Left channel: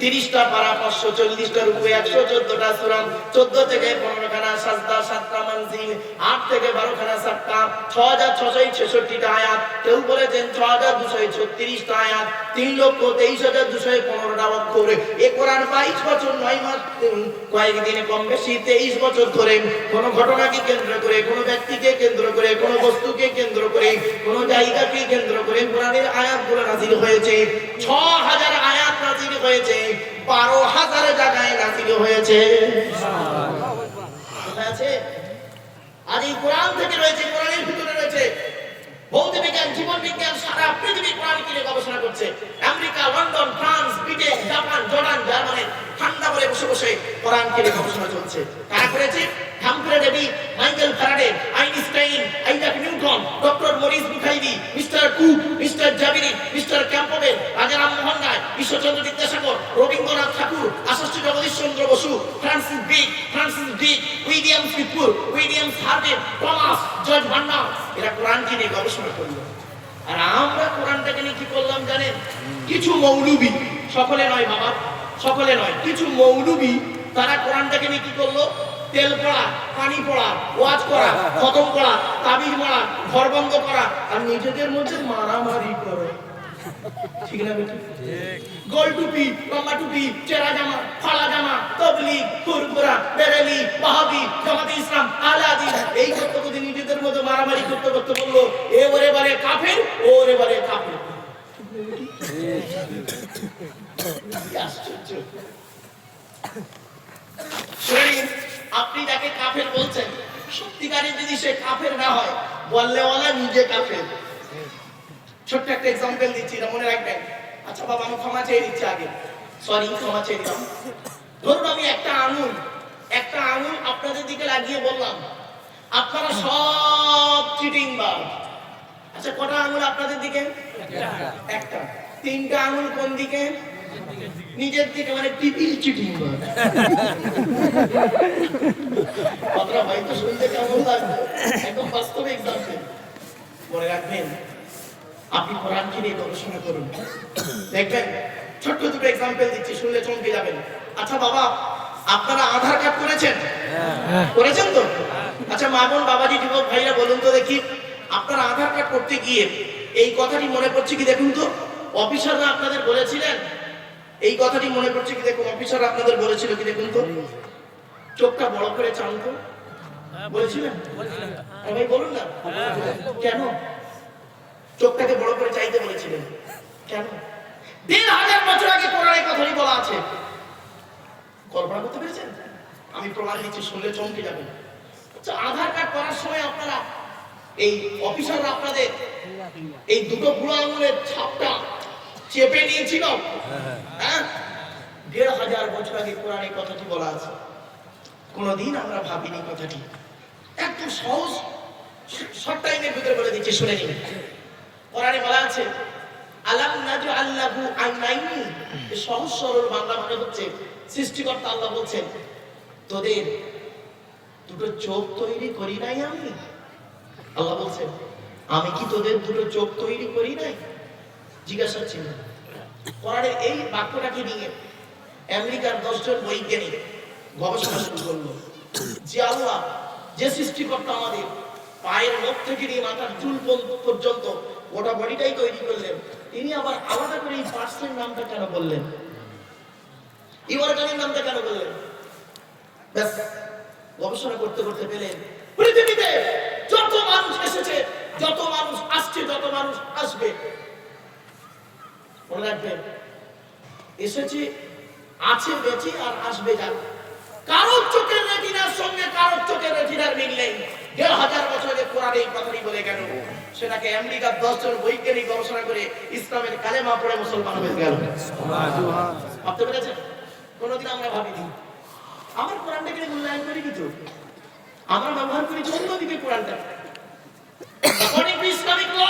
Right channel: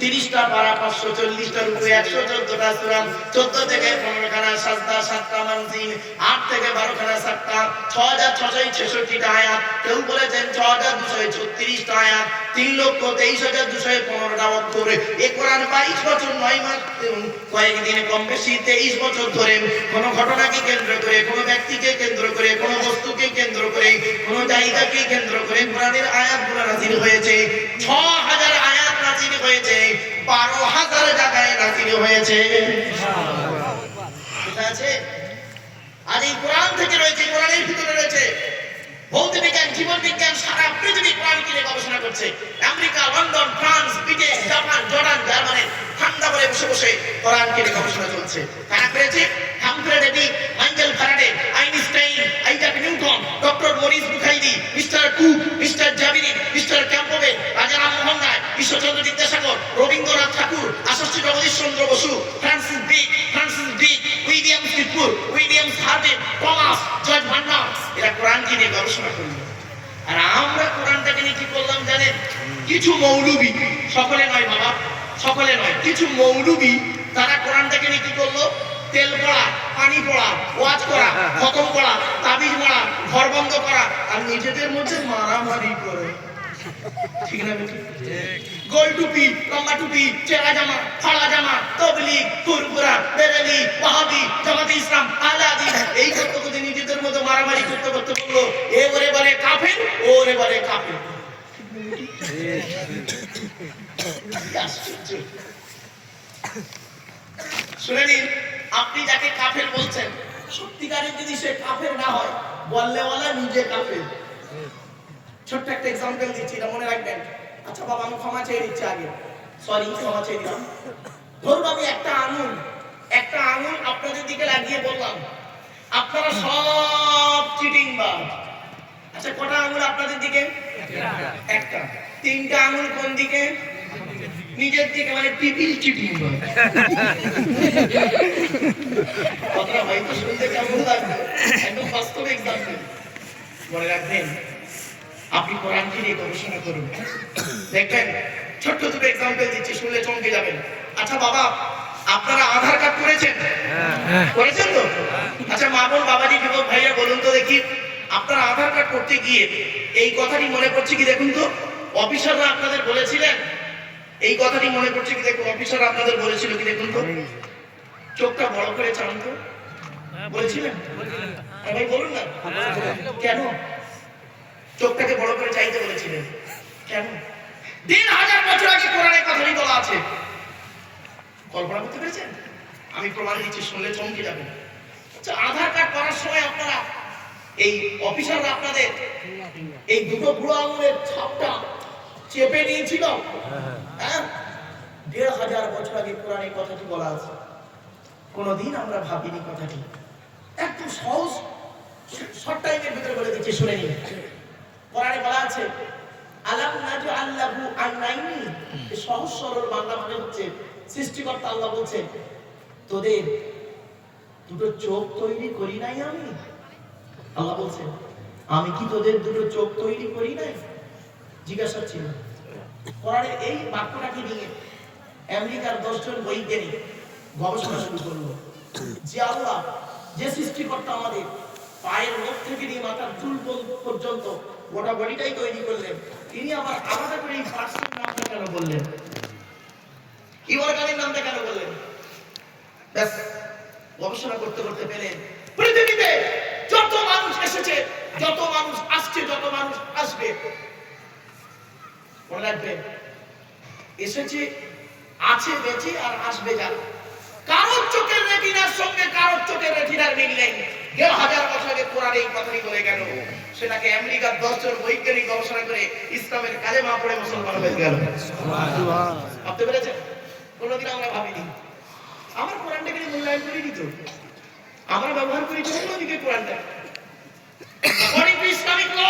30টা পারা, 540টার উপরে 114টা সূরা, 14 থেকে 15 খানা সাজদা, 7টা মানজিল, 8 থেকে 12 খানা সাক্তা, 6666টা আয়াত, কেউ বলেছেন 6236টা আয়াত, 3,23,215টা অক্ষর। এই কোরআন 22 বছর 9 মাস কয়েকদিন কম বেশি 23 বছর ধরে কোন ঘটনাকে কেন্দ্র করে, কোন ব্যক্তিকে কেন্দ্র করে, কোন বস্তুকে কেন্দ্র করে, কোন জায়গাকে কেন্দ্র করে কোরআনের আয়াতগুলো নাযিল হয়েছে। 6000 আয়াত নাযিল হয়েছে, 12,000 জায়গায় নাযিল হয়েছে। কোথায় আছে? আর এই কোরআন থেকে রয়েছে, কোরআনের ভিতরে রয়েছে ভৌত বিজ্ঞান, জীবন বিজ্ঞান, সারা পৃথিবী কোরআনকে নিয়ে গবেষণা করছে। America, London, France, Britain, Japan, Jordan, Germany ঠান্ডা করে বসে বসে কোরআনকে নিয়ে গবেষণা চলছে। কারা করেছে? Humphry Davy, Michael Faraday, Einstein, Isaac Newton, doctor Maurice Bucaille, mister Cook, mister Jabiri, mister Campbell, Raja Rammohan Roy, Ishwarchandra Vidyasagar, Rabindranath Tagore, Ashutosh Jagadish Chandra Bose, Francis Crick, William স্পিটজুর, উইলিয়াম হার্ভে, টমাস, জর্জ ভান্ডার, এরা কোরআনকে নিয়ে গবেষণা করলো। আর আমরা কোরআনটাকে নিয়ে কি করলাম জানেন? কিছু মৌলবি, সকলে নয় বাবা, সকলে নয়, কিছু মৌলবি তারা কোরআনটাকে নিয়ে কি করলো? তেল পড়া, পানি পড়া, ওয়াজ করা, খতম করা, তাবিজ মারা, ঘর বন্ধ করা, আর নিজেদের মধ্যে মারামারি করে। ঠিক না বেটি? গোল টুপি, লম্বা টুপি, চেরা জামা, ফাড়া জামা, তবলিগ, ফুরফুরা, বেরেলি, ওয়াহাবি, জামাতে ইসলাম, আলাদি, এই করতে নিজেদের মধ্যে মারামারি করতে করতে বললো এ ওরে বলে কাফের, ও ওরে বলে কাফের। শুনেন, আপনি যাকে কাফের বলছেন, সত্যিকারের যদি সে কাফের না হয়, বললে ওলা নিজে কাফের। ছোট্ট একটা এক্সাম্পল দিচ্ছি, এটা মনে রাখবেন। আচ্ছা বাবা, আমি ক্ষমা চেয়ে দিচ্ছি আগে, সরি, ক্ষমা চেয়ে দিলাম। ধরুন আমি একটা আঙুল আপনাদের দিকে লাগিয়ে বললাম আপনারা সব চিটিং বাজ। আচ্ছা, কটা আঙুল আপনাদের দিকে? একটা। 3টা আঙুল কোন দিকে? নিজের দিকে, মানে ট্রিপল চিটিং বাজ। আপনারা ভাই তো শুনতে কেমন লাগবে? একদম বাস্তব এক্সাম্পল মনে রাখবেন। আপনি কোরআনকে নিয়ে গবেষণা করুন, দেখবেন। ছোট্ট দুটো এক্সাম্পল দিচ্ছি, শুনলে চমকে যাবেন। আচ্ছা বাবা, আপনারা আধার কার্ড করেছেন? করেছেন তো? আচ্ছা মা বোন, বাবাজি, যুবক ভাইরা, বলুন তো দেখি, আপনারা আধার কার্ড করতে গিয়ে এই কথাটি মনে করছে কি? দেখুন তো, অফিসাররা আপনাদের বলেছিলেন এই কথাটি মনে করছে কি? দেখুন, অফিসাররা আপনাদের বলেছিল কি? দেখুন তো, চোখটা বড় করে চান তো, বলেছিলেন? ভাই বলুন না, কেন চোখটাকে বড় করে চাইতে বলেছিলেন? কেন? 1,500 বছর আগে কোরআনে কথাটি বলা আছে। কল্পনা করতে পেরেছেন? আমি প্রমাণ দিচ্ছি, শুনলে চমকে যাবেন। আচ্ছা, আধার কার্ড করার সময় আপনারা, এই অফিসাররা আপনাদের এই দুটো বুড়ো আঙুলের ছাপটা চেপে নিয়েছিল। হ্যাঁ, 1,500 বছর আগে কোরআনে কথাটি বলা আছে। কোনদিন আমরা ভাবিনি কথাটি। একদম সহজ শর্ট টাইমের ভিতরে বলে দিচ্ছি, শুনে নিন। কোরআনে বলা আছে আলাম নাজআল লাহু আইনাইনি। সহজ সরল বাংলা মানে হচ্ছে, সৃষ্টিকর্তা আল্লাহ বলছেন, তোদের দুটো চোখ তৈরি করি নাই আমি? আল্লাহ বলছেন, আমি কি তোদের দুটো চোখ তৈরি করি নাই? জিজ্ঞাসা ছিল। কোরআনের এই বাক্যটাকে নিয়ে আমেরিকার 10 জন বৈজ্ঞানিক গবেষণা শুরু করলো যে আল্লাহ, যে সৃষ্টিকর্তা আমাদের পায়ের নখ থেকে নিয়ে মাথার চুল পর্যন্ত গোটা বডিটাই তৈরি করলেন, তিনি আবার আলাদা করে এই পার্টসের নামটা কেন বললেন? এই অর্গানের নামটা কেন বললেন? ব্যাস, গবেষণা করতে করতে পেলেন পৃথিবীতে যত মানুষ এসেছে, যত মানুষ আসছে, যত মানুষ আসবে, মনে রাখবেন, এসেছে, আছে, বেঁচে, আর আসবে যারা, কারোর চোখের রেটিনার সঙ্গে কারোর চোখের রেটিনার মিল নেই। 1,500 বছর আগে কোরআন এই কথাটি বলে গেল, সেটাকে আমেরিকার 10 জন বৈজ্ঞানিক গবেষণা করে ইসলামের কালেমা পড়ে মুসলমান হয়ে গেল। ভাবতে পেরেছেন? কোনোদিন আমরা ভাবিনি। আমার কোরআনটাকে মূল্যায়ন করি কিন্তু আমরা ব্যবহার করি অন্যদিকে কোরআনটা। ইসলামিক ল,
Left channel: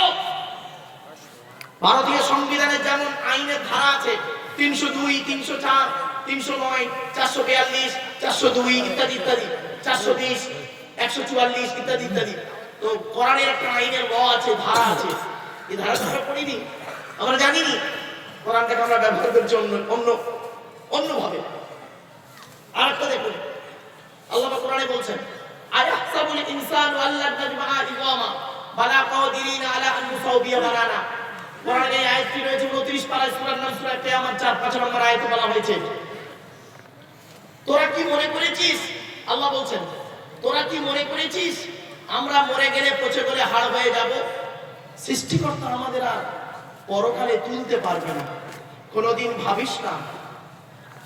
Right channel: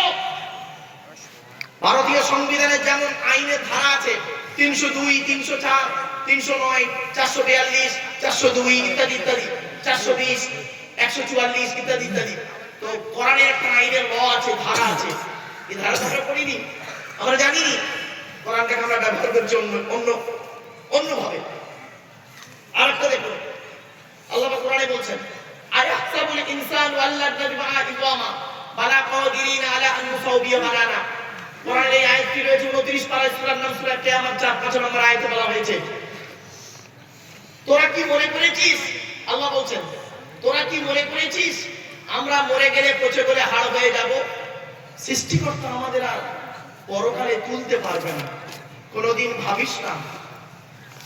ভারতীয় সংবিধানের যেমন আইনের ধারা আছে 302, 304, 309, 442, 402 ইত্যাদি ইত্যাদি, 420, 144 ইত্যাদি ইত্যাদি। তো কোরআনের একটা আইনের ল আছে, ধারা আছে। এই ধারা আমরা পড়িনি, আমরা জানিনি। কোরআনটাকে আমরা ব্যবহার করছি অন্য অন্যভাবে। আরেকটা দেখুন, আল্লাহ পাক কোরআনে বলছেন, আয়াহসাবুল ইনসানু আল্লান নাজমাআ ইযামা বালা কাদিরিনা আলা আন নুসাউবিয়া বানানা। কোরআনের এই আয়াতটি রয়েছে 29 পারা সূরার নাম সূরা কিয়ামত 4-5 নম্বর আয়াতে বলা হয়েছে। তোরা কি মনে করেছিস, আল্লাহ বলছেন, তোরা কি মনে করেছিস আমরা মরে গেলে পচে গেলে হাড় হয়ে যাব? সৃষ্টিকর্তা আমাদের আর পরকালে তুলতে পারবে না। কোনোদিন ভাবিস না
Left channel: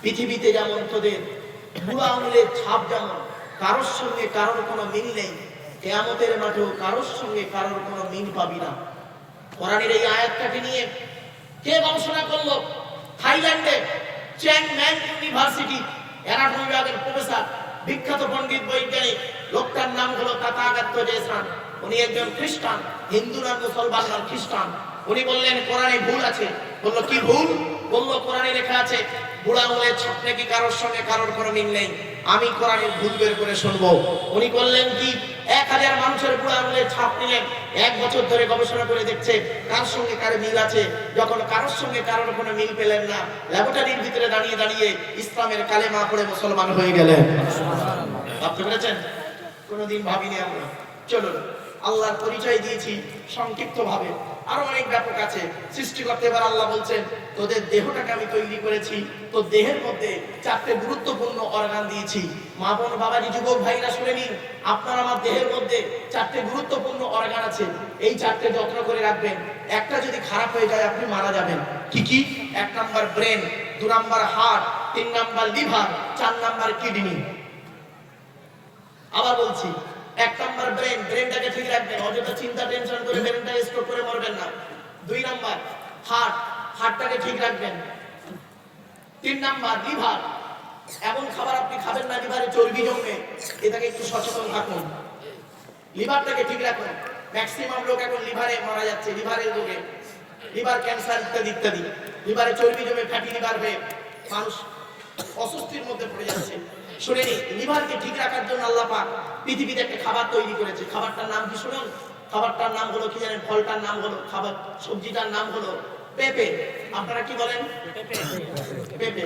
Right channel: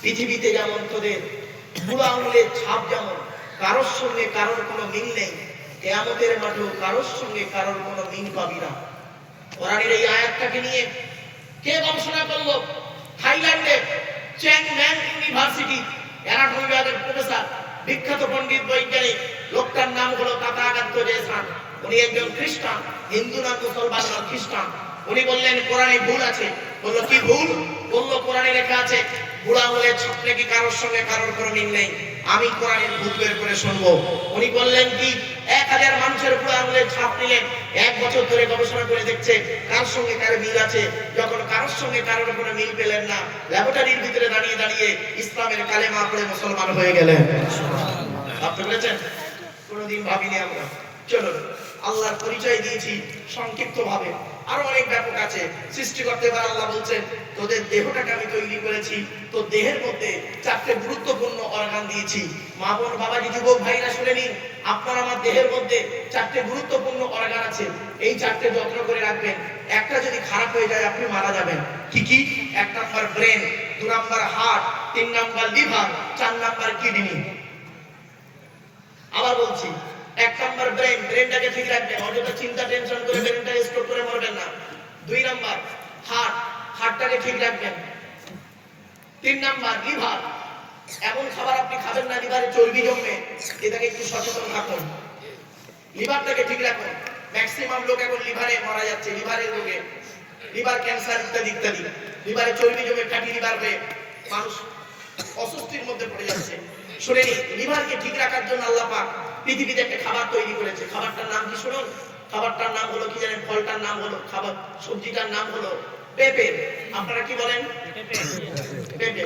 পৃথিবীতে যেমন তোদের বুড়ো আঙুলের ছাপ যেমন কারোর সঙ্গে কারোর কোনো মিল নেই, কিয়ামতের মাঠেও কারোর সঙ্গে কারোর কোনো মিল পাবি না। কোরআনের এই আয়াতটাকে নিয়ে কে গবেষণা করলো? থাইল্যান্ডে চ্যাংম্যান ইউনিভার্সিটি অ্যানাটমি বিভাগের প্রফেসর, বিখ্যাত পণ্ডিত বৈজ্ঞানিক, লোকটার নাম হলো তাথাগত জেসান। উনি একজন খ্রিস্টান, হিন্দু না মুসলমান না খ্রিস্টান। উনি বললেন কোরআনে ভুল আছে। বললো কি ভুল? বললো কোরআনে লেখা আছে বুড়া আঙুলের ছাপ নাকি কারোর সঙ্গে কারোর কোনো মিল নেই। আমি কোরআনের ভূত বের করে শুনবো। উনি বললেন কি 1000 মানুষের বুড়া আঙুলের ছাপ নিলেন, 1 বছর ধরে গবেষণা করে দেখছে কার সঙ্গে কার মিল আছে। যখন কারোর সঙ্গে কারোর কোনো মিল পেলেন না, ল্যাবরেটরির ভিতরে দাঁড়িয়ে দাঁড়িয়ে ইসলামের কালেমা পড়ে মুসলমান হয়ে গেলেন। ভাবতে পেরেছেন? কোনোদিন ভাবিনি আমরা। চলো, আল্লাহর পরিচয় দিয়েছি সংক্ষিপ্ত ভাবে, আরো অনেক ব্যাপক আছে। সৃষ্টি করতে পারে আল্লাহ বলছেন তোদের দেহটাকে আমি তৈরি করেছি, তো দেহের মধ্যে 4টে গুরুত্বপূর্ণ অর্গান দিয়েছি। মা বোন বাবাজি যুবক ভাইরা শুনে নিন, আপনার আমার দেহের মধ্যে 4টে গুরুত্বপূর্ণ অর্গান আছে। এই 4টে যত্ন করে রাখবেন। একটা যদি খারাপ হয়ে যায় আপনি মারা যাবেন। কি কি? 1 number brain, 2 number heart, 3 number liver, 4 number kidney. আবার বলছি, 1 নাম্বার ব্রেন, ব্রেনটাকে ঠিক রাখবেন, অযথা চিন্তা টেনশন করে ব্রেনটাকে স্ট্রোক করে মরবেন না। 2 নাম্বার হার্ট, হার্টটাকে ঠিক রাখবেন। 3 নাম্বার লিভার, এমন খাবার আপনি খাবেন না লিভারে চর্বি জমবে, এটাকে একটু সচেতন থাকুন। লিভারটাকে ঠিক রাখুন। ম্যাক্সিমাম লোক এখন লিভারে মারা যাচ্ছে, লিভারের রোগে, লিভার ক্যান্সার ইত্যাদি ইত্যাদি। লিভারে চর্বি জমে ফ্যাটি লিভার হয়ে মানুষ অসুস্থির মধ্যে পড়ে যাচ্ছে। শুনে নিন, লিভারকে ঠিক রাখার জন্য আল্লাহ পাক পৃথিবীতে একটা খাবার তৈরি করেছে। খাবারটার নাম কি শুনুন? খাবারটার নাম হলো কি জানেন? ফলটার নাম হলো, খাবার সবজিটার নাম হলো পেঁপে। আপনারা কি বলেন? পেঁপে।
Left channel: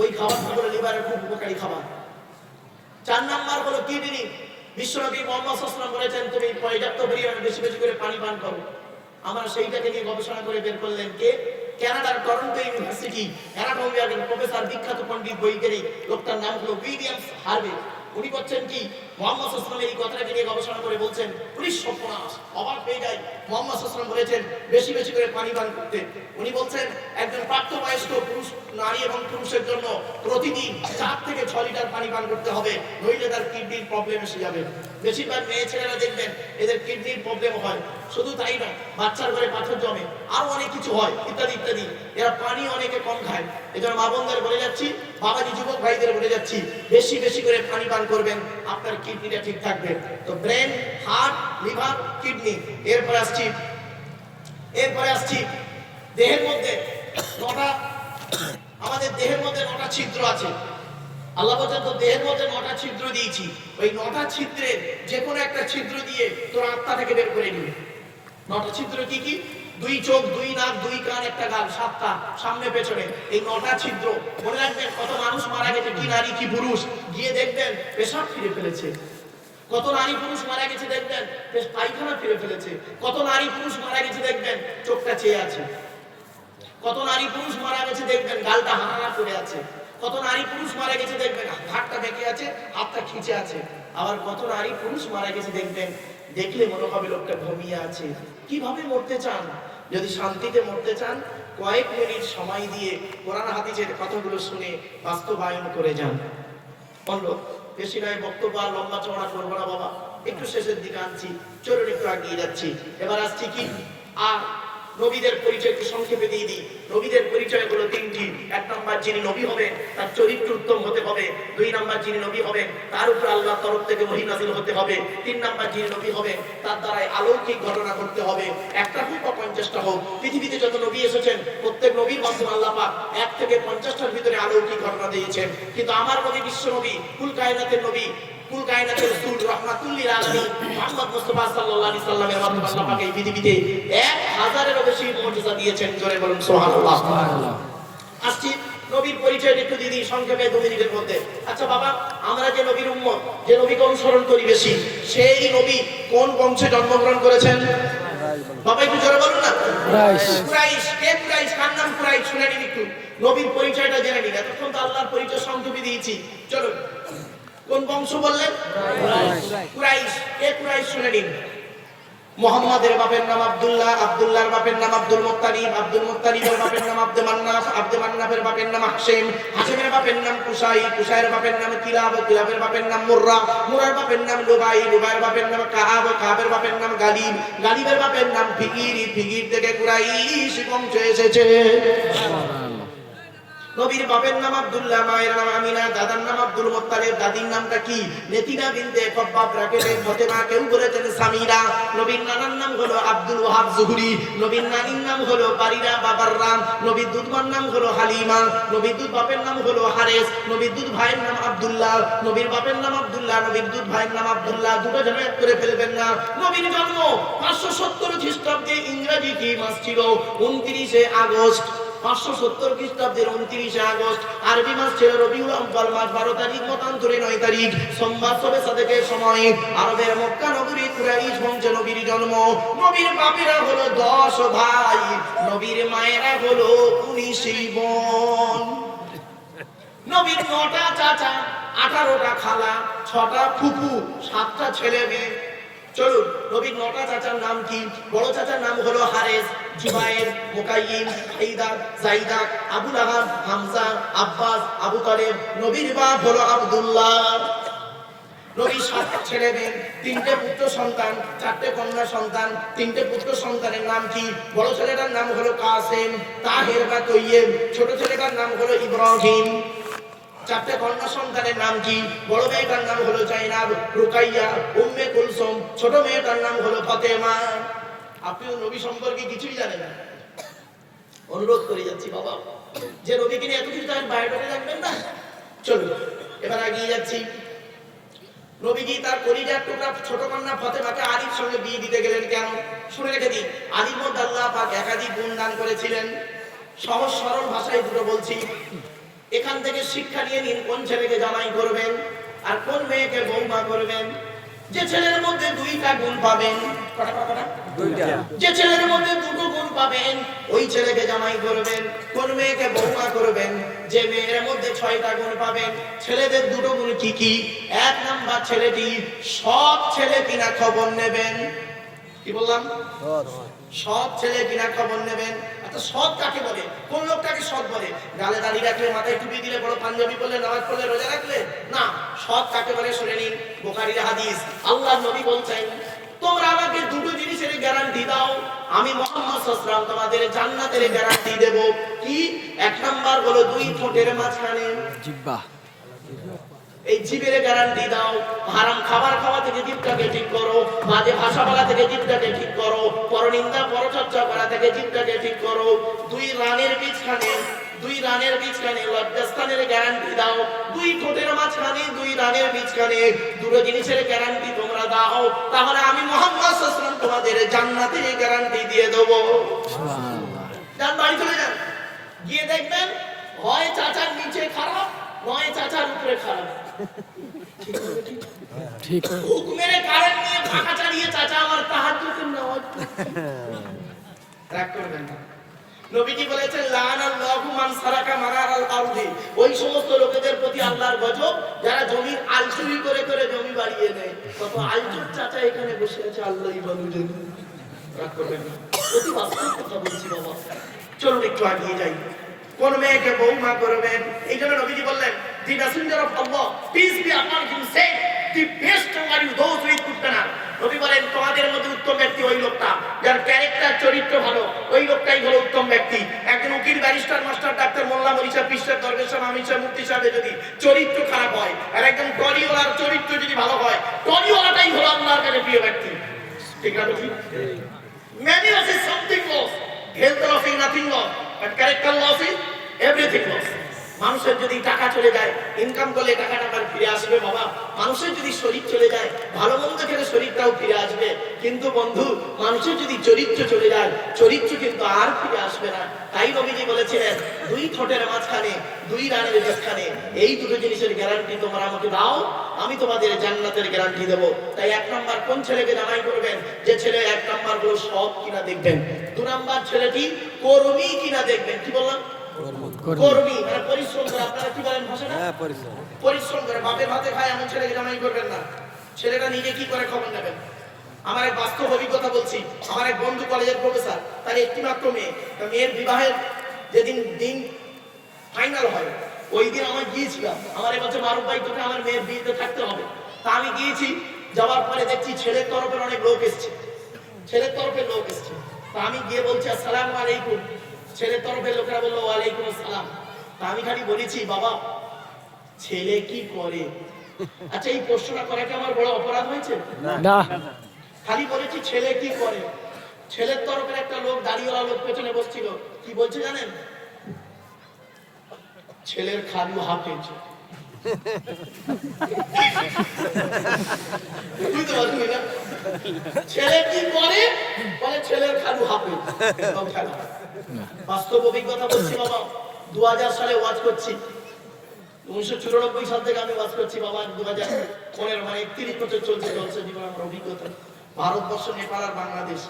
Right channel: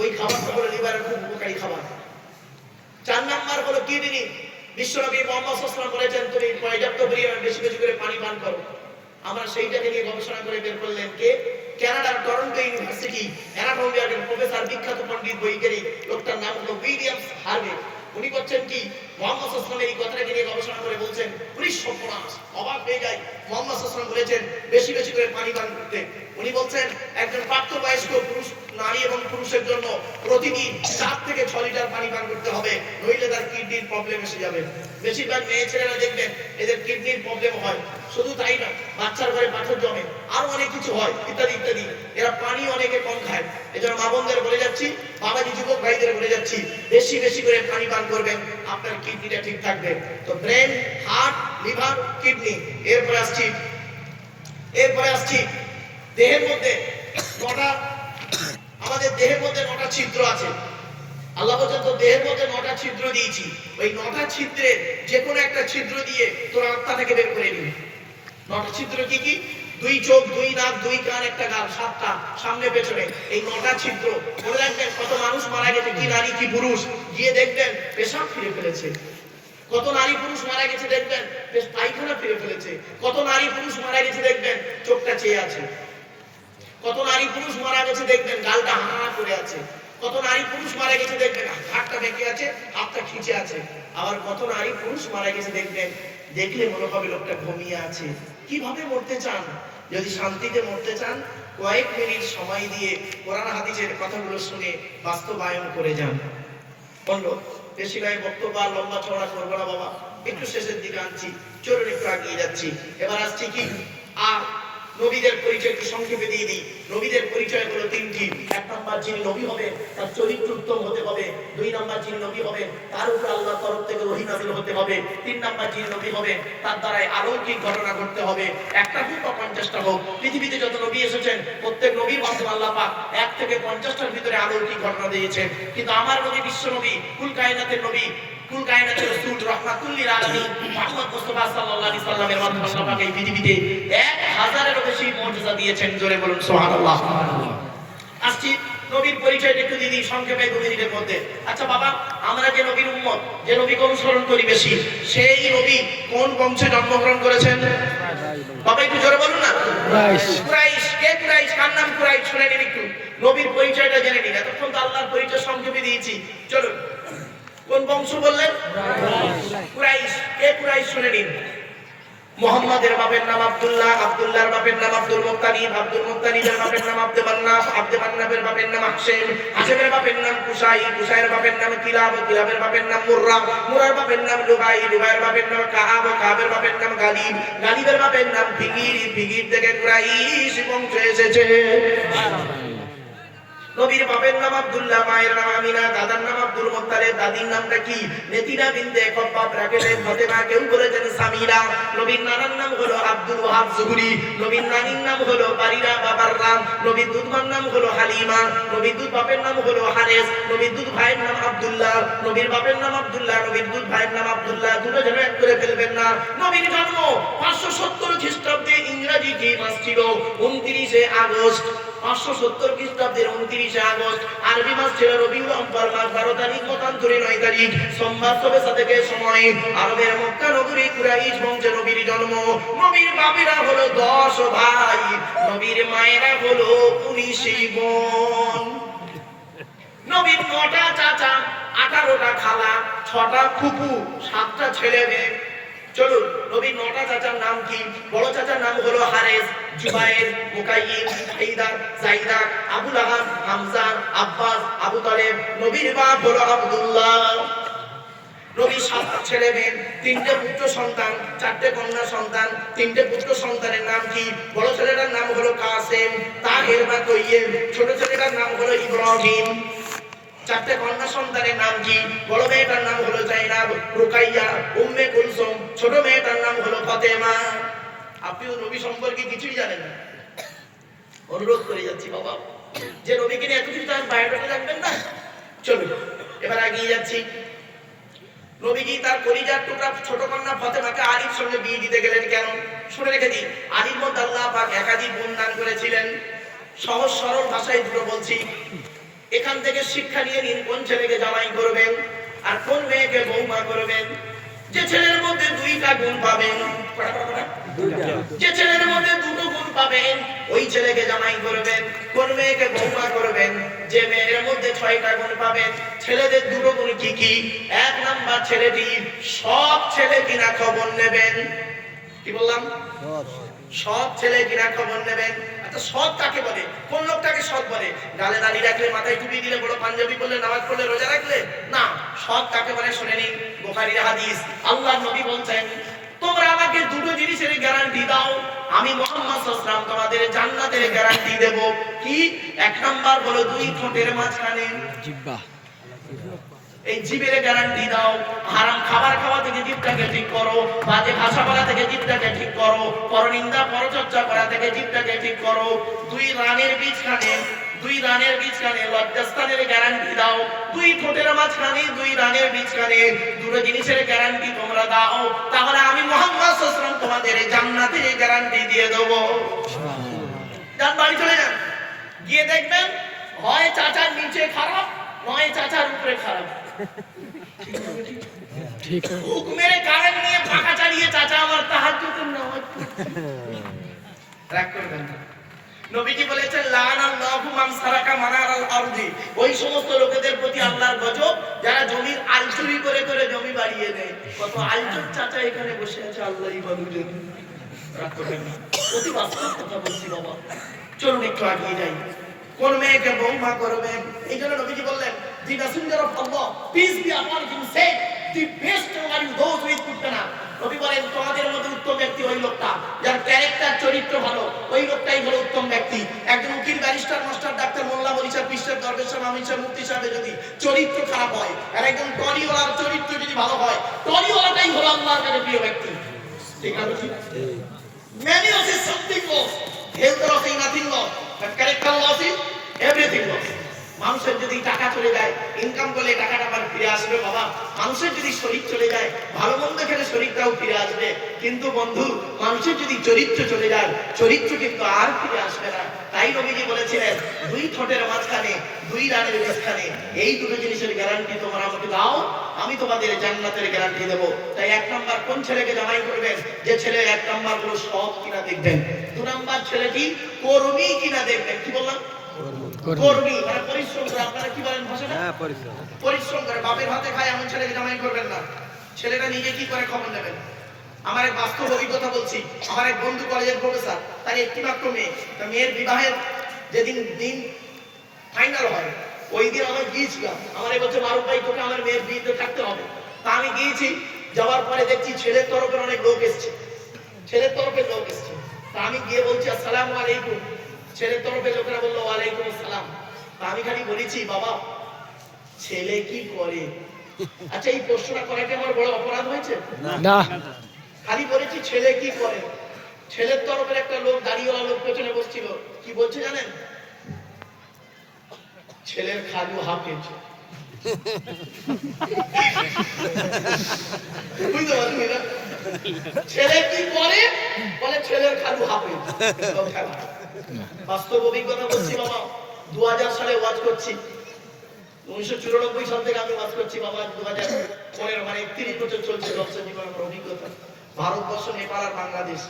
ওই খাবারটা হলো লিভারের খুব উপকারী খাবার। 4 নাম্বার হলো কিডনি। বিশ্বনবী মুহাম্মদ সাল্লাল্লাহু আলাইহি ওয়াসাল্লাম বলেছেন তুমি পর্যাপ্ত পরিমাণে বেশি বেশি করে পানি পান করো। আমরা সেইটাকে নিয়ে গবেষণা করে বের করলেন কে? কানাডার টরন্টো ইউনিভার্সিটি অ্যানাটমি বিভাগের প্রফেসর, বিখ্যাত পণ্ডিত বৈজ্ঞানিক, লোকটার নাম হলো উইলিয়াম হার্ভে। উনি বলছেন কি মুহাম্মদ সাল্লাল্লাহু আলাইহি ওয়াসাল্লাম এই কথাটাকে নিয়ে গবেষণা করে বলছেন উনি সর্বনাশ, অবাক হয়ে যায়। মুহাম্মদ সাল্লাল্লাহু আলাইহি ওয়াসাল্লাম বলেছেন বেশি বেশি করে পানি পান করতে। উনি বলছেন একজন প্রাপ্তবয়স্ক পুরুষ, নারী এবং পুরুষের জন্য প্রতিদিন 4 থেকে 6 লিটার পানি পান করতে হবে, নইলে তার কিডনির প্রবলেম এসে যাবে। বেশিরভাগ মেয়ে ছেলেরা দেখবেন এদের কিডনির প্রবলেম হয়। শুধু তাই না, বাচ্চার ঘরে পাথর জমে, আরো অনেক কিছু হয় ইত্যাদি ইত্যাদি। এরা পানি অনেকে কম খায়। এজন্য মা বোনদের বলে যাচ্ছি, বাবাজি যুবক ভাইদের বলে যাচ্ছি, বেশি বেশি করে পানি পান করবেন, আপনার কিডনিটা ঠিক থাকবে। তো ব্রেন, হার্ট, লিভার, কিডনি। এরপরে আসছি দেহের মধ্যে 9টা, আমাদের দেহের মধ্যে 9টা ছিদ্র আছে। আল্লাহ বলেন তো দেহের মধ্যে 9টা ছিদ্র দিয়েছি, ওই 9টা ছিদ্রে যে কোনো একটা ছিদ্র দিয়ে তোর আত্মা থেকে বের করে নিবি। 9টা ছিদ্র কি কি? 2 চোখ, 2 নাক, 2 কান, 1টা গাল, 7টা সামনে পেছনে, এই 9টা ছিদ্র। মনে রাখবেন কত মানুষ মারা গেছে, কি নারী কি পুরুষ, গিয়ে দেখবেন পেশাব ফিরে ফেলেছে। কত নারী পুরুষ মারা গেছে দেখবেন পায়খানা ফিরে ফেলেছে। কত নারী পুরুষ মারা গেছে দেখবেন চোখটা চেয়ে আছে। কত নারী পুরুষ মারা গেছে দেখবেন গালটা হানা করে আছে। কত নারী পুরুষ মারা গেছে দেখবেন হাতটা বেঁকে আছে, হাতটা খিঁচে আছে। আবার কত নারী পুরুষ মারা গেছে দেখবেন দেখলে মনে হবে লোকটা ঘুমিয়ে আছে। কিভাবে মরতে চান? যদি শান্তিতে মরতে চান, কয়েক মিনিট সময় দিয়ে কোরআন হাদিসের কথাগুলো শুনে বাস্তবায়ন করে যান। বললো বেশি নয়, বক্তব্য আর লম্বা চওড়া করবো না বাবা, একটু শেষের দিকে আনছি, চলুন একটু আগিয়ে যাচ্ছি। এবার আসছি কি আর নবীদের পরিচয় একটু সংক্ষেপে দিয়ে দিই। নবীদের পরিচয় হলো 3টি। 1 নাম্বার যিনি নবী হবেন তার চরিত্র উত্তম হতে হবে। 2 নাম্বার যিনি নবী হবেন তার উপর আল্লাহর তরফ থেকে ওহী নাযিল হতে হবে। 3 নাম্বার যিনি নবী হবেন তার দ্বারা অলৌকিক ঘটনা ঘটতে হবে। একটা হোক বা 50টা হোক, পৃথিবীতে যত নবী এসেছেন প্রত্যেক নবীর মাধ্যমে আল্লাহ পাক 1 থেকে 50টার ভিতরে অলৌকিক ঘটনা দিয়েছেন। কিন্তু আমার নবী, বিশ্ব নবী, কুল কায়নাতের নবী, কুল কায়নাতের রাসূল, রাহমাতুল লিল আলামিন মুহাম্মদ মুস্তাফা সাল্লাল্লাহু আলাইহি সাল্লামের মাধ্যমে আল্লাহ পাক এই পৃথিবীতে 1000-এরও বেশি মুজিজা দিয়েছেন। জোরে বলুন সুবহানাল্লাহ। আসছি নবীর পরিচয়টা একটু দিদি সংক্ষেপে 2 মিনিটের মধ্যে। আচ্ছা বাবা, আমরা যে নবীর উম্মত, যে নবীকে অনুসরণ করি বেশি, সেই নবী কোন বংশে জন্মগ্রহণ করেছেন? বাবা একটু জোরে বলুন না। কুরাইশ। কে কুরাইশ? কার নাম কুরাইশ? শুনে নিন একটু, নবীর পরিচয়টা জেনে নিন। এতক্ষণ তো আল্লাহর পরিচয় সংক্ষেপে দিয়েছি, চলুন। কোন বংশ বললেন? কুরাইশ। কে কুরাইশ? শুনে নিন। মুহাম্মাদের বাপের নাম আব্দুল্লাহ, আব্দুল্লাহর বাপের নাম আব্দুল মুত্তালিব, আব্দুল মুত্তালিবের বাপের নাম আব্দে মান্নাফ, আব্দে মান্নাফের বাপের নাম হাশেম, হাশেমের বাপের নাম কুসাই, কুসাইয়ের বাপের নাম কিলাব, কিলাবের বাপের নাম মুররা, মুরার বাপের নাম লুবাই, লুবাইয়ের বাপের নাম কাআব, কাআবের বাপের নাম গালিব, গালিবের বাপের নাম ফিকির, ফিকির থেকে কুরাইশ বংশ এসেছে। নবীর বাপের নাম আব্দুল্লাহ, মায়ের নাম আমিনা, দাদার নাম আব্দুল মুত্তালিব, দাদির নামটা কি? নেতিনা বিনতে খব্বাব, রাকেলের ফাতেমা, কেউ বলেছেন সামিরা। নবীর নানার নাম হলো আব্দুল ওয়াহাব জুহরি, নবীর নানির নাম হলো বারিরা বাবাররাম, নবীর দুধমার নাম হলো হালিমা, নবীর দুধ বাপের নাম হলো হারেস, নবীর দুধ ভাইয়ের নাম আব্দুল্লাহ, নবীর বাপের নাম আব্দুল্লাহ, নবীর দুধ ভাইয়ের নাম আব্দুল্লাহ, দুটো যেন এক করে ফেলবেন না। নবীর জন্ম 570 খ্রিস্টাব্দে, ইংরেজি কি মাস ছিল? 29 আগস্ট। 570 খ্রিস্টাব্দের 29 আগস্ট, আরবি মাস ছিল রবিউল আউয়াল মাস, 12 তারিখ মতান্তরে 9 তারিখ সোমবার সবে সাদেকের সময় আরবের মক্কা নগরী কুরাইশ বংশে নবীর জন্ম। নবীর বাপেরা হলো 10 ভাই, নবীর মায়েরা হলো 19 বোন। নবীর 9টা চাচা, 18টা খালা, 6টা ফুফু, 7টা ছেলে মেয়ে। চলুন, নবীর 9টা চাচার নাম কি? বড় চাচার নাম হলো হারেস, জুবায়ের, মুকাইয়িম, হাইদা, জাইদা, আবু লাহাব, হামজা, আব্বাস, আবু তালেব। নবীর বাপ হলো আব্দুল্লাহ। নবীর 7টা ছেলে মেয়ে, 3টে পুত্র সন্তান, 4টে কন্যা সন্তান। 3টে পুত্র সন্তানের নাম কি? বড় ছেলেটার নাম হলো কাসেম, তাহের বা তৈয়েব। ছোট ছেলেটার নাম হলো ইব্রাহিম। 4টে কন্যা সন্তানের নাম কি? বড় মেয়েটার নাম হলো জাইনাব, রুকাইয়া, উম্মে কুলসুম। ছোট মেয়েটার নাম হলো ফাতেমা। আপনিও নবী সম্পর্কে কিছুই জানেন না। অনুরোধ করে যাচ্ছি বাবা, যে নবীকে নিয়ে এত কিছু তার বায়োডাটা রাখবেন না। চলুন এবার এগিয়ে যাচ্ছি। নবীজি তার কলিজার টুকরা ছোট কন্যা ফাতেমাকে আলীর সঙ্গে বিয়ে দিতে গেলেন কেন? শুনে রেখে দিন, আলীর মধ্যে আল্লাহ পাক একাধিক গুণ দান করেছিলেন। সহজ সরল ভাষায় দুটো বলছি, এখান থেকে শিক্ষা নিয়ে নিন কোন ছেলেকে জামাই করবেন আর কোন মেয়েকে বৌমা করবেন। যে ছেলের মধ্যে 2টা গুণ পাবেন, যে ছেলের মধ্যে 2টো গুণ পাবেন, ওই ছেলেকে জামাই করবেন। কোন মেয়েকে বৌমা করবেন? যে মেয়ের মধ্যে 6টা গুণ পাবেন। ছেলেদের 2টো গুণ কি কি? 1 নাম্বার ছেলেটি সৎ ছেলে কিনা খবর নেবেন। কি বললাম? সৎ ছেলে কিনা খবর নেবেন। আচ্ছা সৎ কাকে বলে? কোন লোকটাকে সৎ বলে? গালে দাড়ি রাখলে, মাথায় টুপি দিলে, বড় পাঞ্জাবি পরলে, নামাজ পড়লে, রোজা রাখলে না। সৎ কাকে বলে শুনে নিন, বুখারীর হাদিস। আল্লাহর নবী বলছেন, তোমরা আমাকে 2টো জিনিসের গ্যারান্টি দাও, আমি মুহাম্মদ সাল্লাল্লাহু আলাইহি ওয়াসাল্লাম তোমাদের জান্নাতের গ্যারান্টি দেব। কি? 1 নাম্বার হলো 2 ঠোঁটের মাঝখানে জিহ্বা, এই জিভের গ্যারান্টি দাও। হারাম খাবার খাওয়া থেকে জিভটাকে ঠিক করো, বাজে ভাষা বলা থেকে জিভটাকে ঠিক করো, পরনিন্দা পরচর্চা করা থেকে জিভটাকে ঠিক করো। 2 রানের বীজখানে লজ্জাস্থানের গ্যারান্টি দাও। 2 ঠোঁটের মাঝখানে, 2 রানের বীজখানে 2টো জিনিসের গ্যারান্টি তোমরা দাও, তাহলে আমি মুহাম্মদ সাল্লাল্লাহু আলাইহি ওয়াসাল্লাম তোমাদের জান্নাতের গ্যারান্টি দিয়ে দেব। যান বাড়ি চলে যান, গিয়ে দেখবেন হয় চাচার নিচে খারাপ, নয় চাচার উপরে খারাপ। হুকুমের কারণ নিয়ে পাখা চালিয়ে চাচা আমার তাহাজ্জুদের নামাজ রাগ করবেন না। নবীজি বলেছেন লানাল্লাহু মান সারাকা মানারাল আরদি, ওই সমস্ত লোকেদের প্রতি আল্লাহর গজব যারা জমির আল চুরি করে করে জমি বাড়িয়ে নেয়। কত আলচুর চাচা এখানে বসে আছে, আল্লাহই ভালো জানে। রাগ করবেন না, অতি বাস্তব কথা বলছি বাবা। চলুন একটু এগিয়ে যাই। কোন মেয়েকে বৌমা করবেন? এই জন্য নবীজি বললেন, the messenger of Allah, peace be upon him, said, the best are you those who put না। নবী বলেন, তোমাদের মধ্যে উত্তম ব্যক্তি ওই লোকটা যার ক্যারেক্টার, চরিত্র ভালো, ওই লোকটাই হলো উত্তম ব্যক্তি। একজন উকিল, ব্যারিস্টার, মাস্টার, ডাক্তার, মোল্লা, মৌলভী সাহেব, পীর সাহেব, দরবেশ সাহেব, আমির সাহেব, মুফতি সাহেবের যদি চরিত্র খারাপ হয়, আর একজন টলিওয়ালার চরিত্র যদি ভালো হয়, টলিওয়ালাটাই হলো আল্লাহর কাছে প্রিয় ব্যক্তি। ঠিক না বলছি? Many of us something lost, health loss is nothing lost, but character loss is everything lost. মানুষের যদি টাকা চলে যায়, ইনকাম করলে টাকাটা আবার ফিরে আসবে বাবা। মানুষের যদি শরীর চলে যায়, ভালো মন্দ খেলে শরীরটাও ফিরে আসবে। কিন্তু বন্ধু, মানুষের যদি চরিত্র চলে যায়, চরিত্র কিন্তু আর ফিরে আসবে না। তাই নবীজি বলেছিলেন, দুই ঠোঁটের মাঝখানে, দুই রানের মাঝখানে, এই দুটো জিনিসের গ্যারান্টি তোমরা আমাকে দাও, আমি তোমাদের জান্নাতের গ্যারান্টি দেবো। তাই 1 নাম্বার কোন ছেলেকে জামাই করবেন? যে ছেলে 1 নাম্বার গুলো সৎ কিনা দেখবেন। 2 নাম্বার ছেলেটি কর্মী কিনা দেখবেন। কি বললাম? কর্মী, মানে পরিশ্রম করে। আপনারা কি বলেন ভাষাটা? পরিশ্রম করে। বাপের হাতে খায় এমন ছেলেকে জামাই করবেন না। ছেলেটা নিজে কি করে খবর নেবেন। আমার এক বাস্তব অভিজ্ঞতা বলছি। আমার এক বন্ধু কলেজের প্রফেসর, তার একটি মাত্র মেয়ে। তার মেয়ের বিবাহের যেদিন দিন ফাইনাল হয়, ওই দিন আমি গিয়েছিলাম। আমার বলছে, মারুফ ভাই, তোকে আমার মেয়ের বিয়েতে থাকতে হবে। তা আমি গিয়েছি। যাওয়ার পরে দেখছি ছেলের তরফের অনেক লোক এসছে। ছেলের তরফের লোক এসছে। তা আমি গিয়ে বলছি, আসসালামু আলাইকুম। ছেলের তরফের লোকেরা বললো, ওয়ালাইকুম আসসালাম। তা আমি খালি বলেছি, বাবা ছেলে কি করে? আচ্ছা, এই প্রশ্নটা করা কি আমার বড় অপরাধ হয়েছে? না। খালি বলেছি ছেলে কি করে। ছেলের তরফের একটা লোক, দাড়িওয়ালা লোক পেছনে বসছিল। কি বলছে জানেন? ছেলের খালু হাফেজ। বুঝতে পারছি না। ছেলে কি করে? বলে ছেলের খালু হাফেজ। বাস্তব অভিজ্ঞতা বলছি বাবা। 2000 সালে ওয়াজ করছি। 1994 সাল থেকে আমি ওয়াজ করছি বাবা। 2015 মানে 31 বছর চলছে জলসা জীবনের আমার অভিজ্ঞতা। ভারতবর্ষ, নেপাল আর বাংলাদেশ।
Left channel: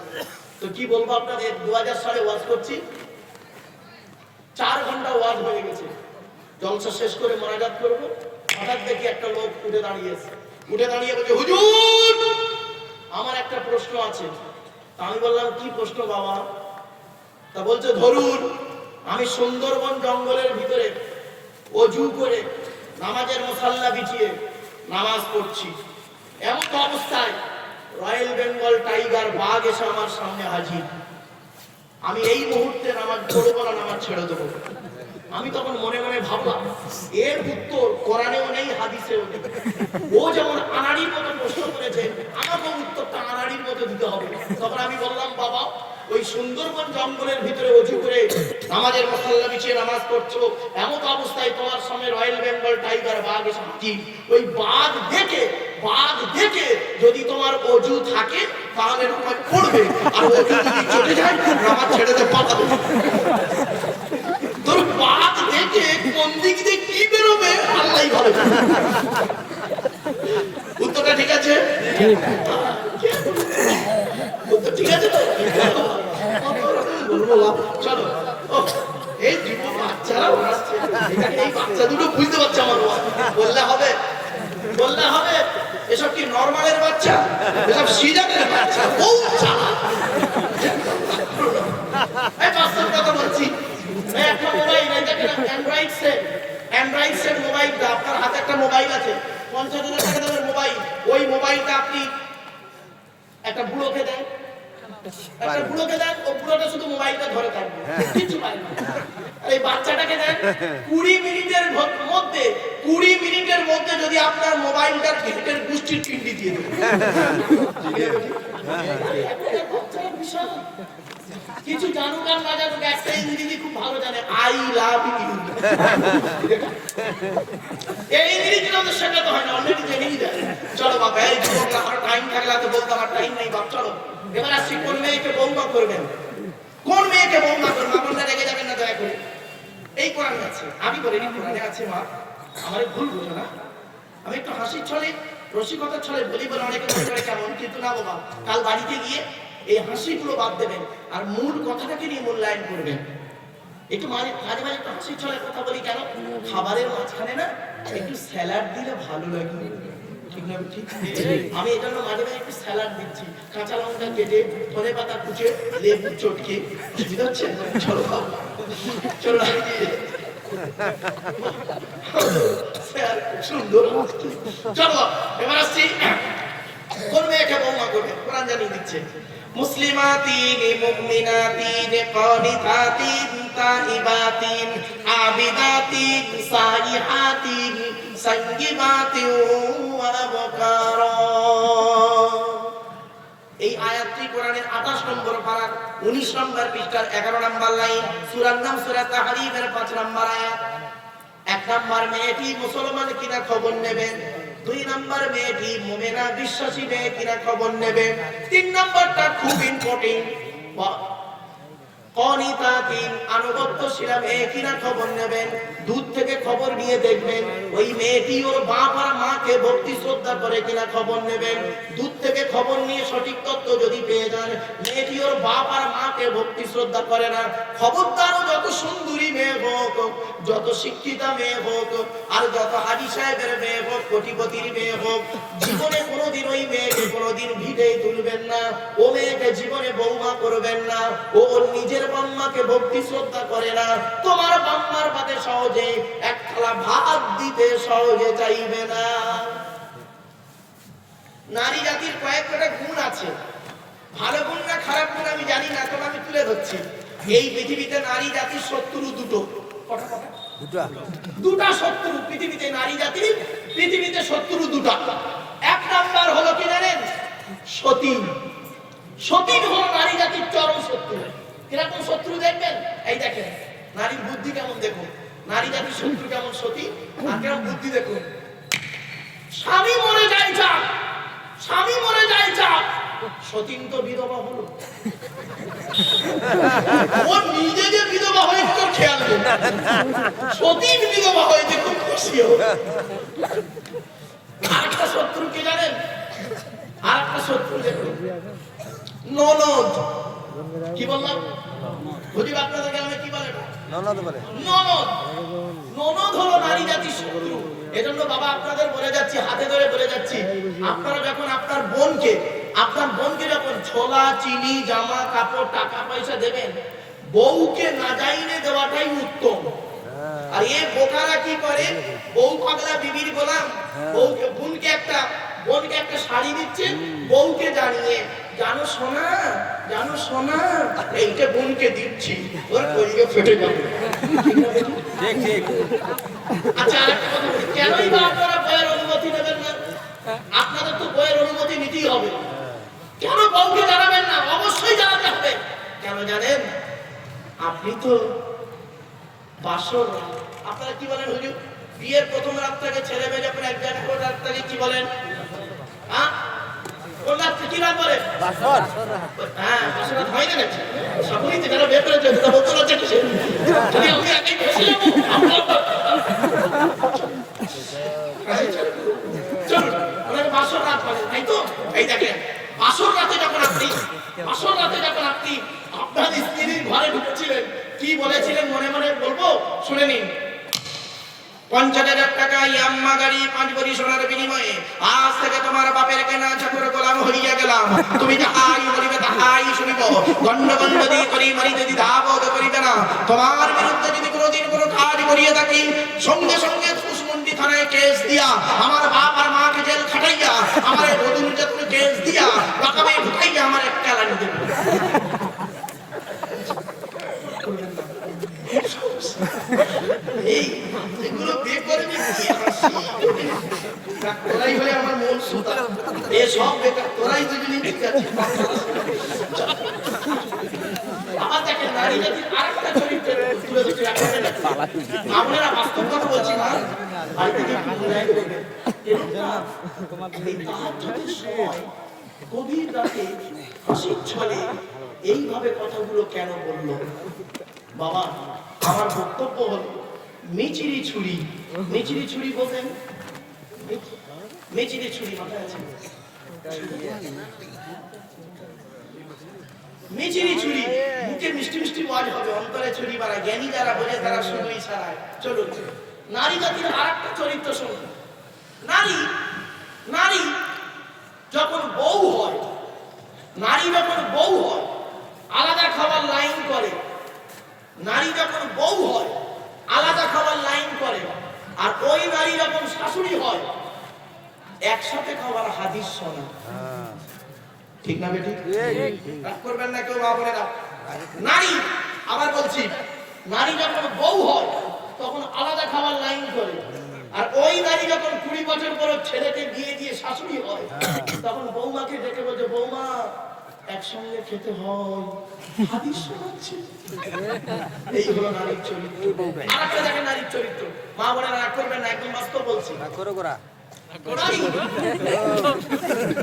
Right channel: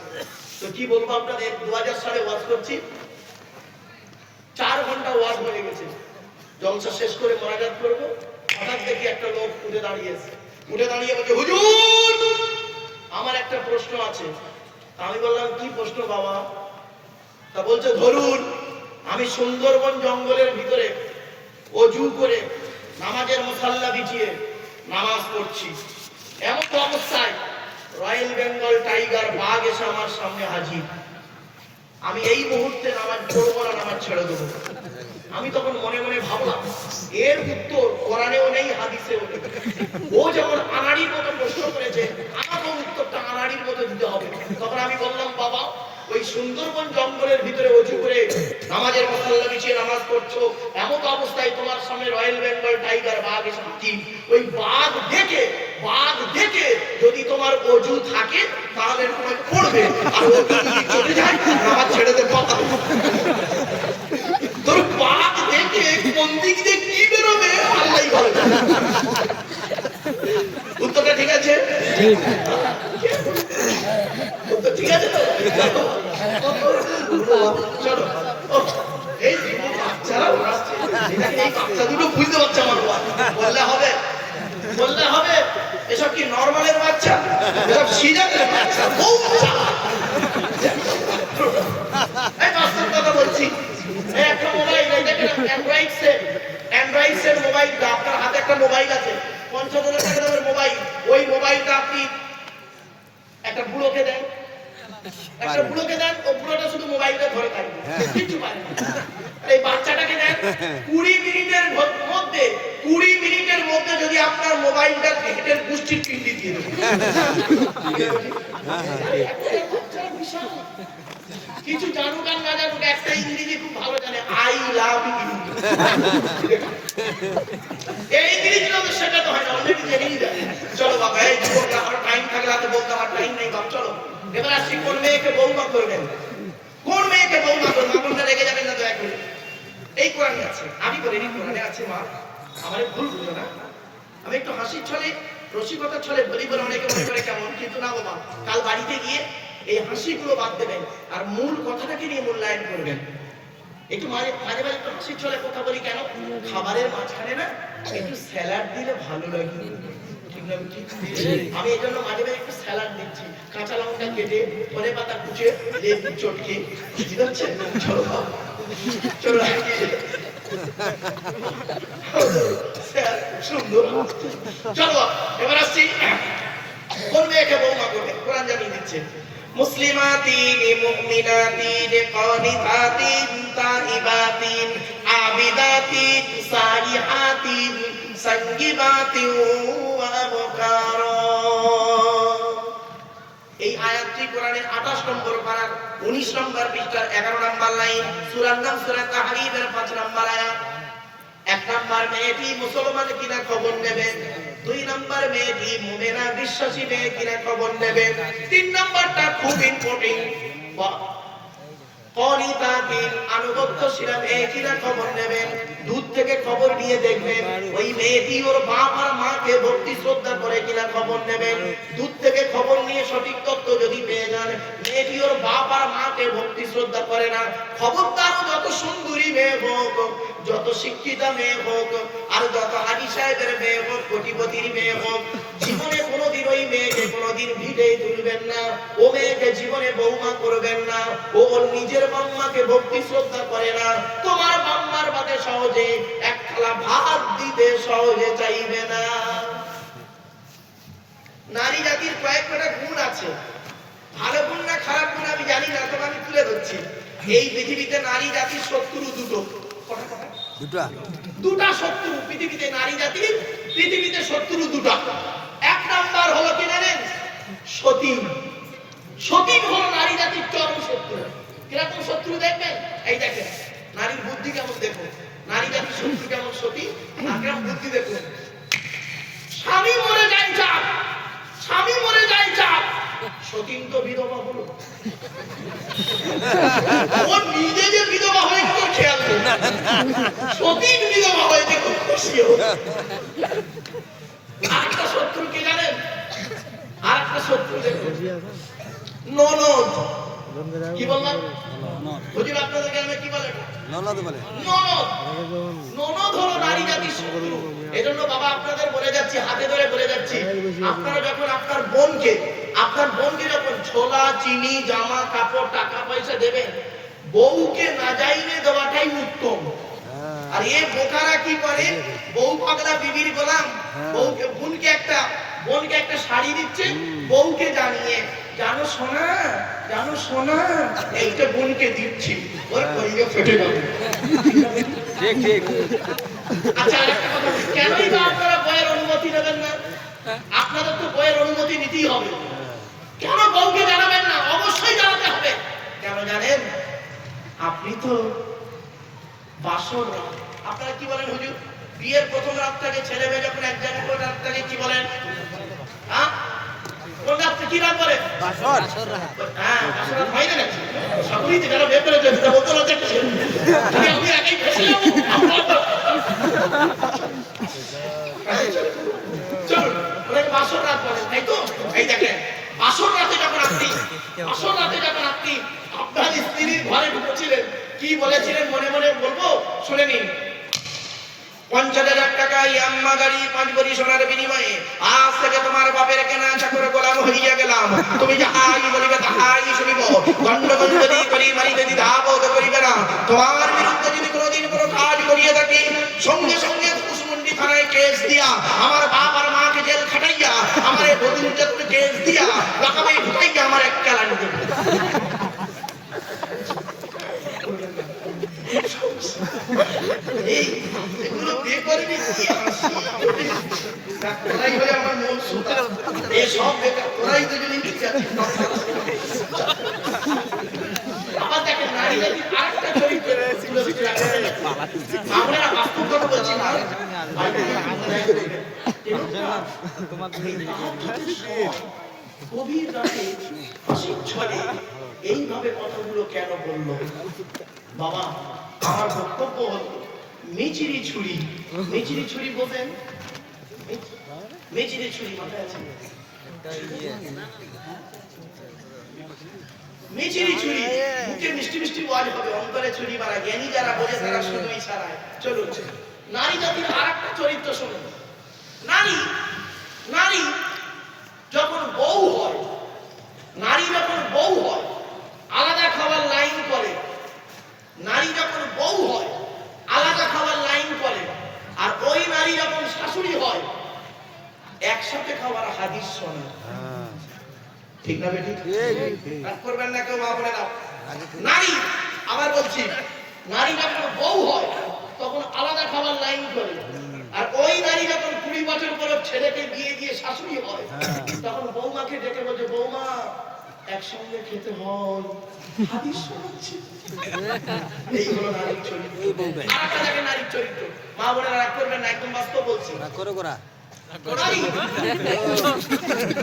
তো কি বলবো আপনাদের, 2000 সালে ওয়াজ করছি। 4 ঘন্টা ওয়াজ হয়ে গেছে। জলসা শেষ করে মোনাজাত করবো, হঠাৎ দেখি একটা লোক উঠে দাঁড়িয়েছে। উঠে দাঁড়িয়ে বলছে, হুজুর আমার একটা প্রশ্ন আছে। আমি বললাম, কি প্রশ্ন বাবা? তা বলছে, ধরুন আমি সুন্দরবন জঙ্গলের ভিতরে অজু করে নামাজের মুসাল্লা বিছিয়ে নামাজ পড়ছি। এমন অবস্থায় রয়্যাল বেঙ্গল টাইগার বাঘ এসে আমার সামনে হাজির। আমি এই মুহূর্তে নামাজ পড়বো না, নামাজ ছেড়ে দেবো। আমি তখন মনে মনে ভাবলাম, এর উত্তর কোরআনেও নেই, হাদিসেও নেই। ও যেমন আনাড়ির মতো প্রশ্ন করেছে, আমাকেও উত্তরটা আনাড়ির মতো দিতে হবে। তখন আমি বললাম, বাবা ওই সুন্দরবন জঙ্গলের ভিতরে অজু করে নামাজের মুসাল্লা বিছিয়ে নামাজ পড়ছো, এমন অবস্থায় তোমার সামনে রয়্যাল বেঙ্গল টাইগার বাঘ এসে হাজির। ওই বাঘ দেখে যদি তোমার অজু থাকে তাহলে তোমায় পড়বে, আর অজু যদি চলে যায় নামাজ ছেড়ে দেবে। তোর বাঘ দেখে কোন দিক দিয়ে কি বেরোবে আল্লাহই ভালো জানে। উত্তরটা ঠিক আছে? ঠিক আছে তো? চলো, এই বাচ্চারা বাচ্চা দুটো বুঝতে পারছে আমার বললে হবে? বললে হবে? এসব কি নরমালের বাচ্চা? এসব সিজারের বাচ্চা। এই বাস্তব কথা বলছি। একটা মোবাইল, অ্যান্ড্রয়েড সেট মোবাইল। আপনার হাতে একটা মোবাইল আছে, 50,000 টাকা দামের মোবাইল। ওই মোবাইলটা আপনি একটা বুড়োকে দেন, ও বুড়োটা শুধু মোবাইলটা ধরে থাকবে, কিছু পারে না। আর এই বাচ্চাটাকে দেন, 20 মিনিটের মধ্যে যদি আপনার মোবাইলটা হেঁটের গোষ্ঠীর পিন্ডি দিয়ে দেবে। কিছু জানুক আর না জানুক, একটা ইংরেজি খুব ভালো জানে, আই লাভ ইউ। এই ইংরেজি তো শেখাতে হয় না, অলরেডি জেনেই যায়। চলো বাবা, এই যুবকরা, আমার টাইম থাকলে তো বলতে, আমার টাইম নেই বাপ। চলো এবার আসছি, কোন মেয়েকে বৌমা করবেন? কোন মেয়েকে বৌমা করবেন? আপনারা রেগে যাবেন না দয়া করে। এই কোরআনে আছে, আমি বলিনি, কোরআনে আছে মা। আমারে ভুল বলো না। আমি একটু হাসির ছলে, রসিকতার ছলে বলি বলে অনেকে মনে করে কেমন, কিন্তু না বাবা। কাল বাড়িতে গিয়ে এই হাসিগুলো বাদ দেবেন আর মূল কথাটাকে নিয়ে মূল্যায়ন করবেন। একটু মাঝে মাঝে একটু হাসির ছলে কথা বলি কেন? খাবারের মাঝখানে না একটু স্যালাড দিলে ভালো লাগে। ঠিক না? আমি এই জন্য মাঝে মাঝে একটু স্যালাড দিচ্ছি। কাঁচা লঙ্কা কেটে, ধনে পাতা কুচে, লেবু চটকে। বুঝতে পারছেন? চলো চলো, সুন্দর। চলো এবার আসছি, কোন মেয়েকে বৌমা করবে? কোরআন জানিয়ে দিচ্ছে, মুসলিমাতিন মুমিনাতিন কানিতাতিন তাইবাতিন আবিদাতিন সাইহাতিন সাইয়্যিবাতিন ওয়া আবকারা। এই আয়াতটি কোরআনের 28 নম্বর পারার 19 নম্বর পৃষ্ঠার 11 নম্বর লাইন। সূরার নাম সূরা তাহরিমের 5 নম্বর আয়াত। এক নাম্বার মেয়েটি মুসলমান কিনা খবর নেবেন, দুই নাম্বার মেয়েটি মুমিনা বিশ্বাসী মেয়ে কিনা খবর নেবেন, তিন নাম্বারটা খুব ইম্পর্টেন্ট অনিতাকিন আনুগত্যশীল মেয়ে কিনা খবর নেবেন। দূর থেকে খবর নিয়ে দেখবেন ওই মেয়েটি ওর বাপ আর মাকে ভক্তি শ্রদ্ধা করে কিনা খবর নেবেন। দূর থেকে খবর নিয়ে সঠিক তথ্য যদি পেয়ে যান মেয়েটি ওর বাপ আর মাকে ভক্তি শ্রদ্ধা করে না, খবরদার যত সুন্দরী মেয়ে হোক, যত শিক্ষিতা মেয়ে হোক, আর যত হাজি সাহেবের মেয়ে হোক, কোটিপতির মেয়ে হোক, জীবনে কোনোদিন ওই মেয়েকে কোনোদিন ভিড়ে তুলবেন না, ও মেয়েকে জীবনে বৌমা করবেন না। ও নিজের বাম্মাকে ভক্তি শ্রদ্ধা করে না, তোমার বাম্মার বাদে সহজে এক থালা ভাত দিতে সহজে চাইবে না। নারী জাতির কয়েকটা গুণ আছে, ভালো গুণ না খারাপ গুণ আমি জানি না, তবে আমি তুলে ধরছি। এই পৃথিবীতে নারী জাতির শত্রু দুটো, দুটা শত্রু পৃথিবীতে, নারী জাতির পৃথিবীতে শত্রু দুটা। এক নাম্বার হলো কি জানেন? সতী। সতী হলো নারী জাতির চরম শত্রু। কিরকম শত্রু দেখবেন? এই দেখেন নারীর বুদ্ধি কেমন, দেখুন নারী জাতির শত্রু কেমন সতী, আর কেমন বুদ্ধি দেখুন। স্বামী মরে যায় চাক, স্বামী মরে যায় চাক, সতীন তো বিধবা হলো, ও নিজে যে বিধবা হয়ে তোর খেয়াল নেই, সতীন বিধবা হয়ে দেখুন খুশি হলো। আরেকটা শত্রু কি জানেন? আরেকটা শত্রু দেখুন ননদ। কি বললাম? হুজুর আপনাদেরকে আমি কি বলে? ননদ বলে। ননদ, ননদ হলো নারী জাতির শত্রু। এজন্য বাবা আপনাদের বলে যাচ্ছি, হাতে ধরে বলে যাচ্ছি, আপনারা যখন আপনার বোনকে যখন ছোলা চিনি জামা কাপড় টাকা পয়সা দেবেন, বউকে না যাইনে দেওয়াটাই উত্তম। আর এই বোকারা কি করে, বউ পাগলা বিবির গোলাম, বউকে বোনকে একটা শাড়ি দিচ্ছে, বউকে জানিয়ে জানো সোনা, জানো সোনা, এইটা বোনকে দিচ্ছি, ওর কইলে ফেটে যাবে। আচ্ছা আরেকটা কথা, কেনই বা আপনারা বইয়ের অনুমতি নেবেন না? আপনাদের তো বইয়ের অনুমতি নিতেই হবে। কেন বউকে জানাবেন না? অবশ্যই জানাতে হবে। কেন জানেন? আপনি তো বাসর, আপনারা কি বলেন হুজুর? বিয়ের প্রথম রাতটাকে ছেলে মেয়ে যখন এক জায়গায় করে রাতটাকে কি বলেন? হ্যাঁ কোন রাতটা কি রাত বলে? বাসর। হ্যাঁ বাসর রাত হয় না নাকি? সকলেই তো যারা বিয়ে করেছে সেটা বলতে রাত কি? আমি আগেই বলেছিলাম চল অনেক বাসর রাত বলে, তাই তো? এই দেখেন বাসর রাতে যখন আপনি আপনার স্ত্রীর ঘরে ঢুকছিলেন, কি বলেছিলেন মনে মনে বলবো, শুনে নিন। 50,000 টাকা ইয়াম্মা গাড়ি 5 ভরি সোনার বিনিময়ে আজ থেকে তোমার বাপের কেনা চাকর গোলাম হইয়া গেলাম, তুমি যাহাই বলিবে তাহাই শুনিব, গণ্ড যদি করি মারিতে দ্বিধাবোধ করিবে না, তোমার বিরুদ্ধে যদি কোনোদিন কোনো কাজ করিয়া থাকি সঙ্গে সঙ্গে কুশমন্ডি থানায় কেস দিয়া, আমার বাপ আর মাকে জেল খাটাইয়া, আমার বধূ নির্যাতনে কেস দিয়া রাখাবে ঢুকাইয়া আমার এক চালান দেবে। এগুলো বিয়ে করেনি তোরাই হলে আমার মন সুতা, এসব বেকার, তোরাই দুজনই ঠিক আছে। আবার দেখেন নারী জাতির আরেকটা চরিত্র তুলে ধরতে রাখবেন না, মামলারা বাস্তব কথা বলছি না, গভীর রাতে হাসির ছলে এইভাবে কথাগুলো কেন বললো? বাবা আমার বক্তব্য হলো মিচিরি ছুরি। মিচিরি ছুরি বলতেন? মিচিরি ছুরি মাথায় আছে? মিচিরি ছুরি, মুখে মিষ্টি মিষ্টি ওয়াজ হবে, অন্তরে ছুরি মারা। জ্ঞানী যারা বোঝে তারা শুধু ইশারায়। চলুন নারী জাতির আরেকটা চরিত্র শুনুন। নারী যখন বউ হয়, আলাদা খাবার লাইন করে। নারী যখন বউ হয় আলাদা খাবার লাইন করে, আর ওই নারী যখন শাশুড়ি হয় একসাথে খাবার হাদিস শোনে। ঠিক না বেটি? রাগ করবেন না কেউ, আপনারা নারী, আবার বলছি, নারী যখন বউ হয় তখন আলাদা খাবার লাইন করে, আর ওই নারী যখন 20 বছর পর ছেলেকে বিয়ে দিয়ে শাশুড়ি হয় তখন বৌমাকে ডেকে বলছে, বৌমা একসঙ্গে খেতে হয়, হাদিস শোনাচ্ছে। এই হলো নারীর চরিত্র। আরেকটা দেখেন নারীর চরিত্র, মা বোনেরা রাগ করবেন না, একদম বাস্তব বলছি। নারী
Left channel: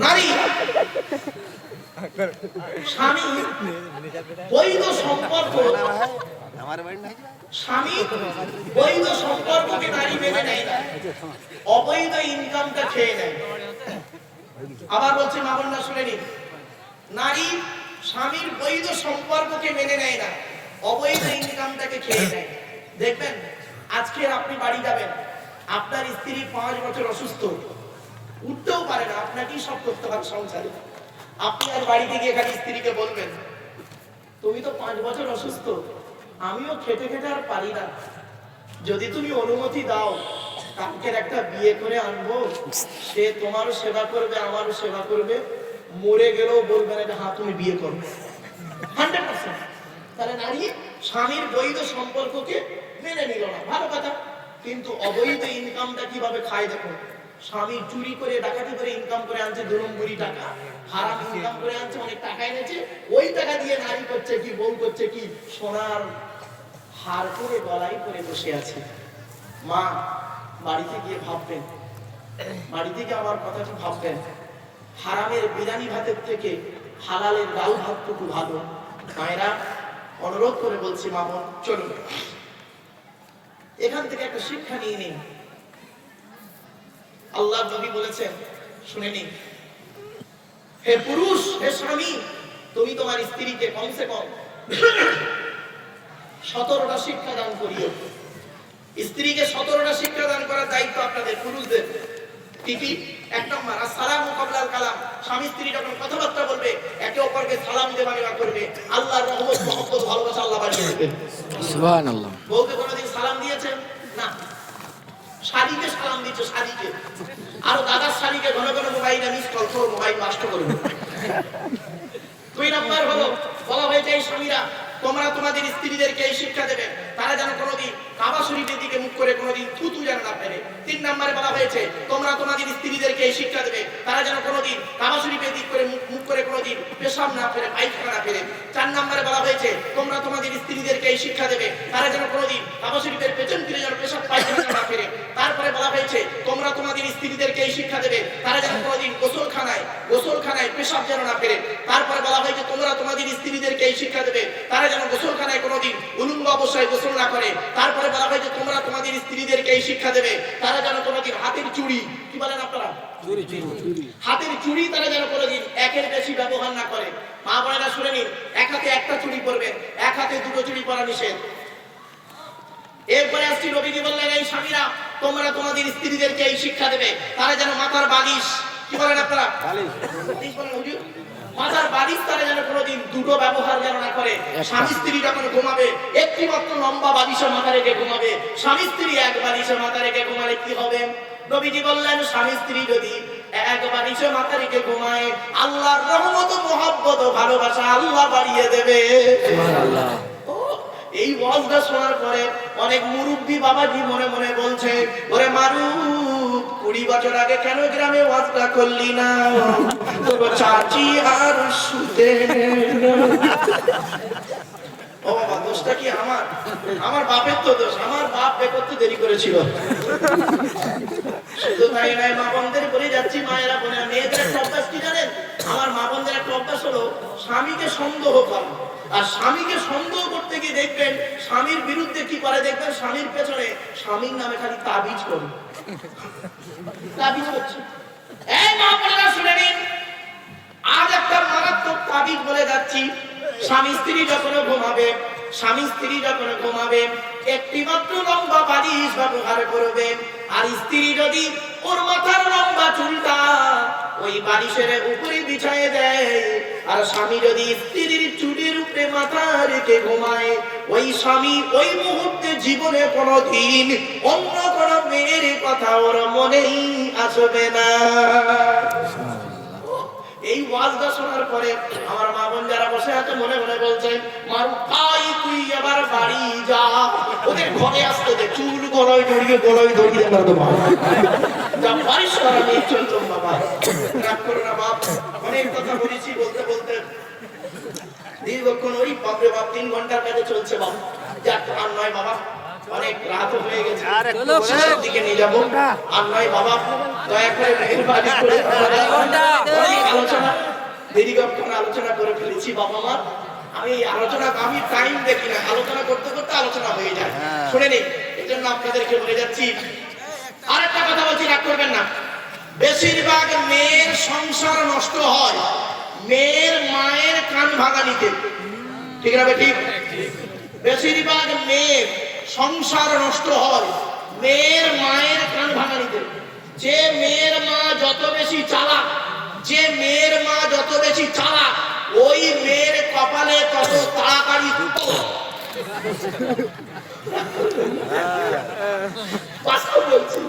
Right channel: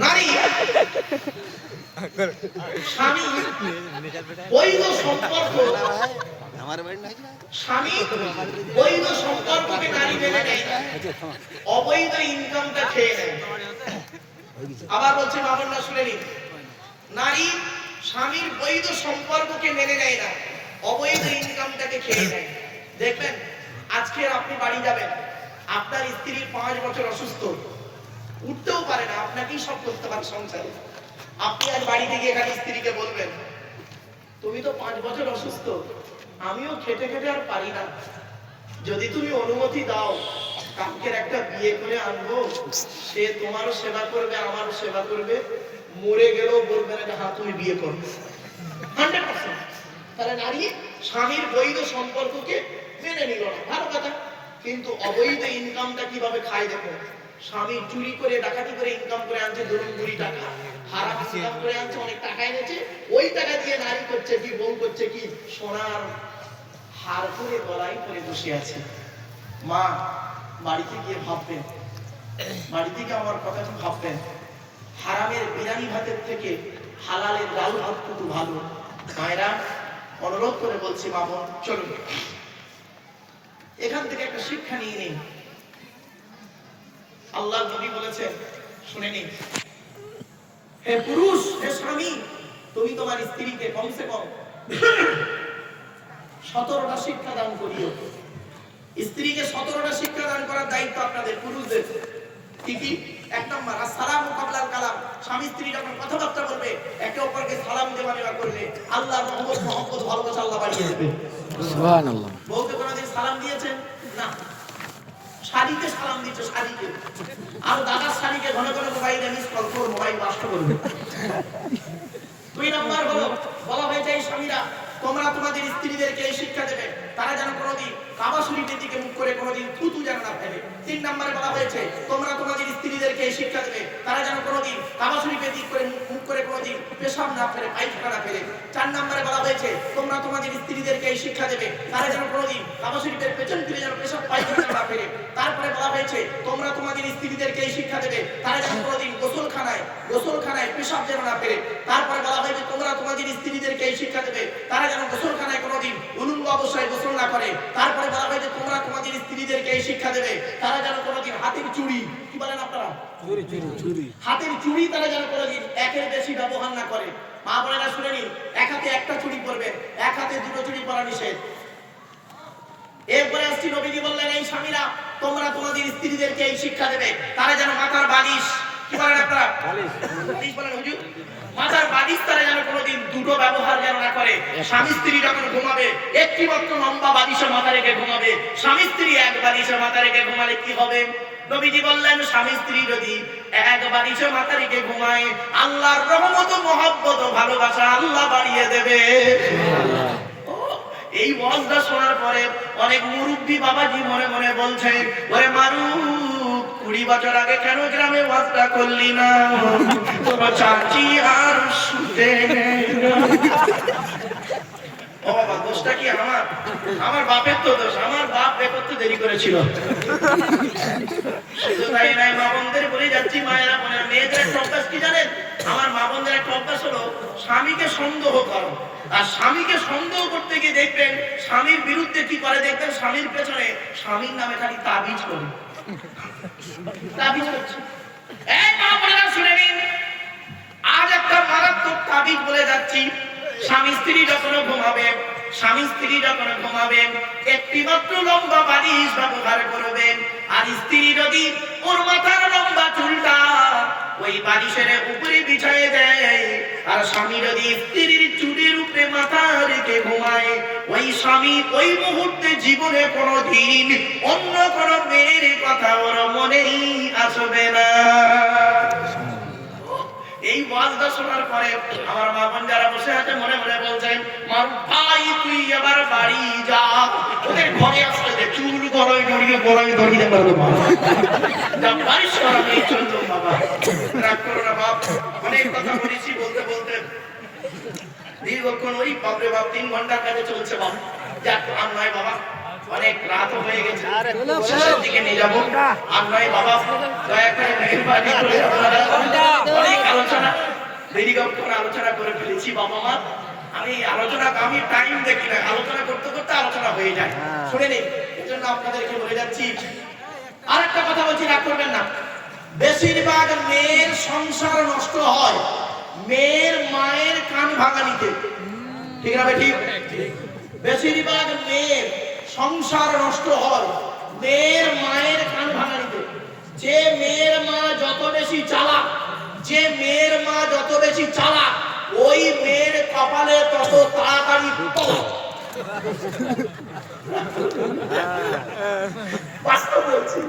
নারী স্বামী বৈধ সম্পর্ক, স্বামী বৈধ সম্পর্ককে নারী মেনে নেয় না, অবৈধ ইনকামটা খেয়ে নেয়। আবার বলছে মা বোনরা শুনে নিন, নারী স্বামীর বৈধ সম্পর্ককে মেনে নেয় না, অবৈধ ইনকামটাকে খেয়ে নেয়। দেখবেন আজকে আপনি বাড়ি যাবেন, আপনার স্ত্রী 5 বছর অসুস্থ, উঠতেও পারে না, আপনাকেই সব করতে পারে সংসারে। আপনি আজ বাড়িতে গিয়ে এখানে স্ত্রীকে বলবেন, তুমি তো 5 বছর অসুস্থ, আমিও খেটে খেটে আর পারি না, যদি তুমি অনুমতি দাও কালকের একটা বিয়ে করে আনবো, সে তোমারও সেবা করবে আমারও সেবা করবে, মরে গেলেও বলবে না যে হ্যাঁ তুমি বিয়ে করো। 100%। তাহলে নারী স্বামীর বৈধ সম্পর্ককে মেনে নিল না, ভালো কথা। কিন্তু অবৈধ ইনকামটা কিভাবে খায় দেখো, স্বামী চুরি করে ডাকাতি করে ইনকাম করে আনছে, ধরুন 20 টাকা হারাম ইনকাম করে আনছে, অনেক টাকা এনেছে, ওই টাকা দিয়ে নারী করছে কি, বউ করছে কি, সোনার হার করে গলায় করে বসে আছে। মা বাড়িতে গিয়ে ভাববেন, বাড়িতে গিয়ে আমার কথাটা ভাববেন, হারামের বিরিয়ানি ভাতের থেকে হালালের ডাল ভাতটুকু ভালো। মায়েরা অনুরোধ করে বলছি, মা বোন চলুন এখান থেকে একটা শিক্ষা নিয়ে নিন। আল্লাহ নবী বলেছেন, শুনে নিন, হে পুরুষ, হে স্বামী, তুমি তোমার স্ত্রীকে কমসে কম 17টা শিক্ষা দান করিও। স্ত্রীকে 17টা শিক্ষা দান করার দায়িত্ব আপনাদের পুরুষদের। কি কি? 1 নম্বর আসসালামু কাবলাল কালাম, স্বামী স্ত্রী যখন কথাবার্তা বলবে একে অপরকে সালাম দেওয়া নেওয়া করবে, আল্লাহর রহমত মহব্বত ভালোবাসা আল্লাহ বাড়িয়ে দেবেন। সুবহানাল্লাহ। বলতে কোনদিন সালাম দিয়েছেন? না। শাড়িকে সালাম দিচ্ছে, শাড়িকে। আর দাদার শাড়িকে ঘন ঘন মোবাইলে মিস কল করে মোবাইল নষ্ট করবে। 2 নম্বর হলো বলা হয়েছে, এই স্বামীরা তোমরা তোমাদের স্ত্রীদেরকে এই শিক্ষা দেবে, তারা যেন কোনোদিন কাবা শরীফের দিকে মুখ করে কোনোদিন থুতু যেন না ফেলে। 3 নম্বরে বলা হয়েছে, তোমরা তোমাদের স্ত্রীদেরকে এই শিক্ষা দেবে, তারা যেন কোনোদিন কাবা শরীফের দিক করে মুখ করে কোনোদিন পেশাব না ফেলে, পায়খানা না ফেলে। 4 নম্বরে বলা হয়েছে, তোমরা তোমাদের স্ত্রীদেরকে এই শিক্ষা দেবে, তারা যেন কোনোদিন কাবা শরীফের পেছন ফিরে যেন পেশাব পায়খানা না ফেলে। তারপরে বলা হয়েছে, তোমরা তোমাদের স্ত্রীদেরকে এই শিক্ষা দেবে, তারা যেন কোনোদিন গোসলখানায় পেশাব যেন না ফেলে। তারপরে বলা হয়েছে, তোমরা তোমাদের স্ত্রীদেরকে এই শিক্ষা দেবে, তারা যেন গোসলখানায় কোনোদিন উলঙ্গ অবস্থায় গোসল না করে। তারপরে বলা হয়েছে, তোমরা তোমাদের স্ত্রীদেরকে এই শিক্ষা দেবে, তারা যেন কোনোদিন হাতের চুড়ি, কি বলেন আপনারা, হাতের চুড়ি তারা যেন কোনোদিন একের বেশি ব্যবহার না করে। মা বোনেরা শুনে নিন, এক হাতে একটা চুড়ি পরবেন, এক হাতে 2টো চুড়ি পরা নিষেধ। এরপরে আসছি, নবীজি বললেন, এই স্বামীরা তোমরা তোমাদের স্ত্রীদেরকে এই শিক্ষা দেবে, তারা যেন মাথার বালিশ, কি বলেন আপনারা, বালিশ বলেন হুজুর, মাথার বালিশ তারা যেন কোনোদিন 2টো ব্যবহার যেন না করে। স্বামী স্ত্রী যখন ঘুমাবে একটি মাত্র লম্বা বালিশে মাথা রেখে ঘুমাবে। স্বামী স্ত্রী এক বালিশে মাথা রেখে ঘুমালে কি হবে? নবীজি বললেন, স্বামী স্ত্রী যদি এক বালিশে মাথা রেখে ঘুমায়, আল্লাহর রহমত মহব্বত ভালোবাসা আল্লাহ বাড়িয়ে দেবে। সুবহানাল্লাহ। এই ওয়াজটা শোনার পরে অনেক মুরব্বী বাবাজি মনে মনে বলছে, ওরে মারুফ, 20 বছর আগে কেন গ্রামে ওয়াজটা করলি না? তোর চাচি আর শুতে ও বাবা, দোষটা কি আমার? আমার বাপের তো দোষ, আমার বাপ বে করতে দেরি করেছিল। শুধু তাই নাই, মা বোনদের বলে যাচ্ছি, মায়েরা বোনেরা, মেয়েদের একটা অভ্যাস কি জানেন? আমার মা বোনদের একটা অভ্যাস হলো স্বামীকে সন্দেহ করা। আর স্বামীকে সন্দেহ করতে গিয়ে দেখবেন স্বামীর বিরুদ্ধে কি করে, দেখবেন স্বামীর পেছনে স্বামীর নামে খালি তাবিজ করে, তাবিজ করছে। এই মা বোনেরা শুনে নিন, আজ একটা মারাত্মক তাবিজ বলে যাচ্ছি। স্বামী স্ত্রী যখন ঘুমাবে একটি মাত্র লম্বা বালিশ ব্যবহার করবেন। আর স্ত্রী যদি ওর মাথার লম্বা চুলটা ওই বালিশের উপরে বিছায় দেয়, আর স্বামী যদি স্ত্রীর চুলের উপরে মাথা রেখে ঘুমায়, ওই স্বামী ওই মুহূর্তে জীবনে কোনোদিন অন্য কোনো মেয়ের কথা ওর মনেই আসবে না। এই ওয়াজটা শোনার পরে আমার মা বোন যারা বসে আছে মনে মনে বলছেন, মারুফ ভাই তুই আবার বাড়ি যা, ওদের ঘরে আসতে দে, চুল গলায় ধরিয়ে বাড়ির সরাবে চলতো। বাবা রাগ করো না বাপ, অনেক কথা বলেছি, বলতে বলতে দীর্ঘক্ষণ ওই বাপরে বাপ 3 ঘন্টার কাছে চলছে বাবা। যাক আর নয় বাবা, অনেক রাত হয়ে গেছে, শেষের দিকে নিয়ে যাবো। আর নয় বাবা, দয়া করে মেহেরবানি করে অনেক আলোচনা, দীর্ঘক্ষণ আলোচনা করে ফেলেছি বাবা মা। আমি আলোচনা, আমি টাইম দেখি না, আলোচনা করতে করতে আলোচনা হয়ে যায়, শুনে নেই। এই জন্য আপনাদেরকে বলে যাচ্ছি। আরেকটা কথা বলছি, রাগ করবেন না। বেশিরভাগ মেয়ের সংসার নষ্ট হয় মেয়ের মায়ের কান ভাঙানিতে, ঠিক না ঠিক? বেশিরভাগ মেয়ের সংসার নষ্ট হয় মেয়ের মায়ের কান ভাঙানিতে। যে মেয়ের মা যত বেশি চালাক, যে মেয়ের মা যত বেশি চালাক, ওই মেয়ের কপালে তত তাড়াতাড়ি বাস্তব বলছি।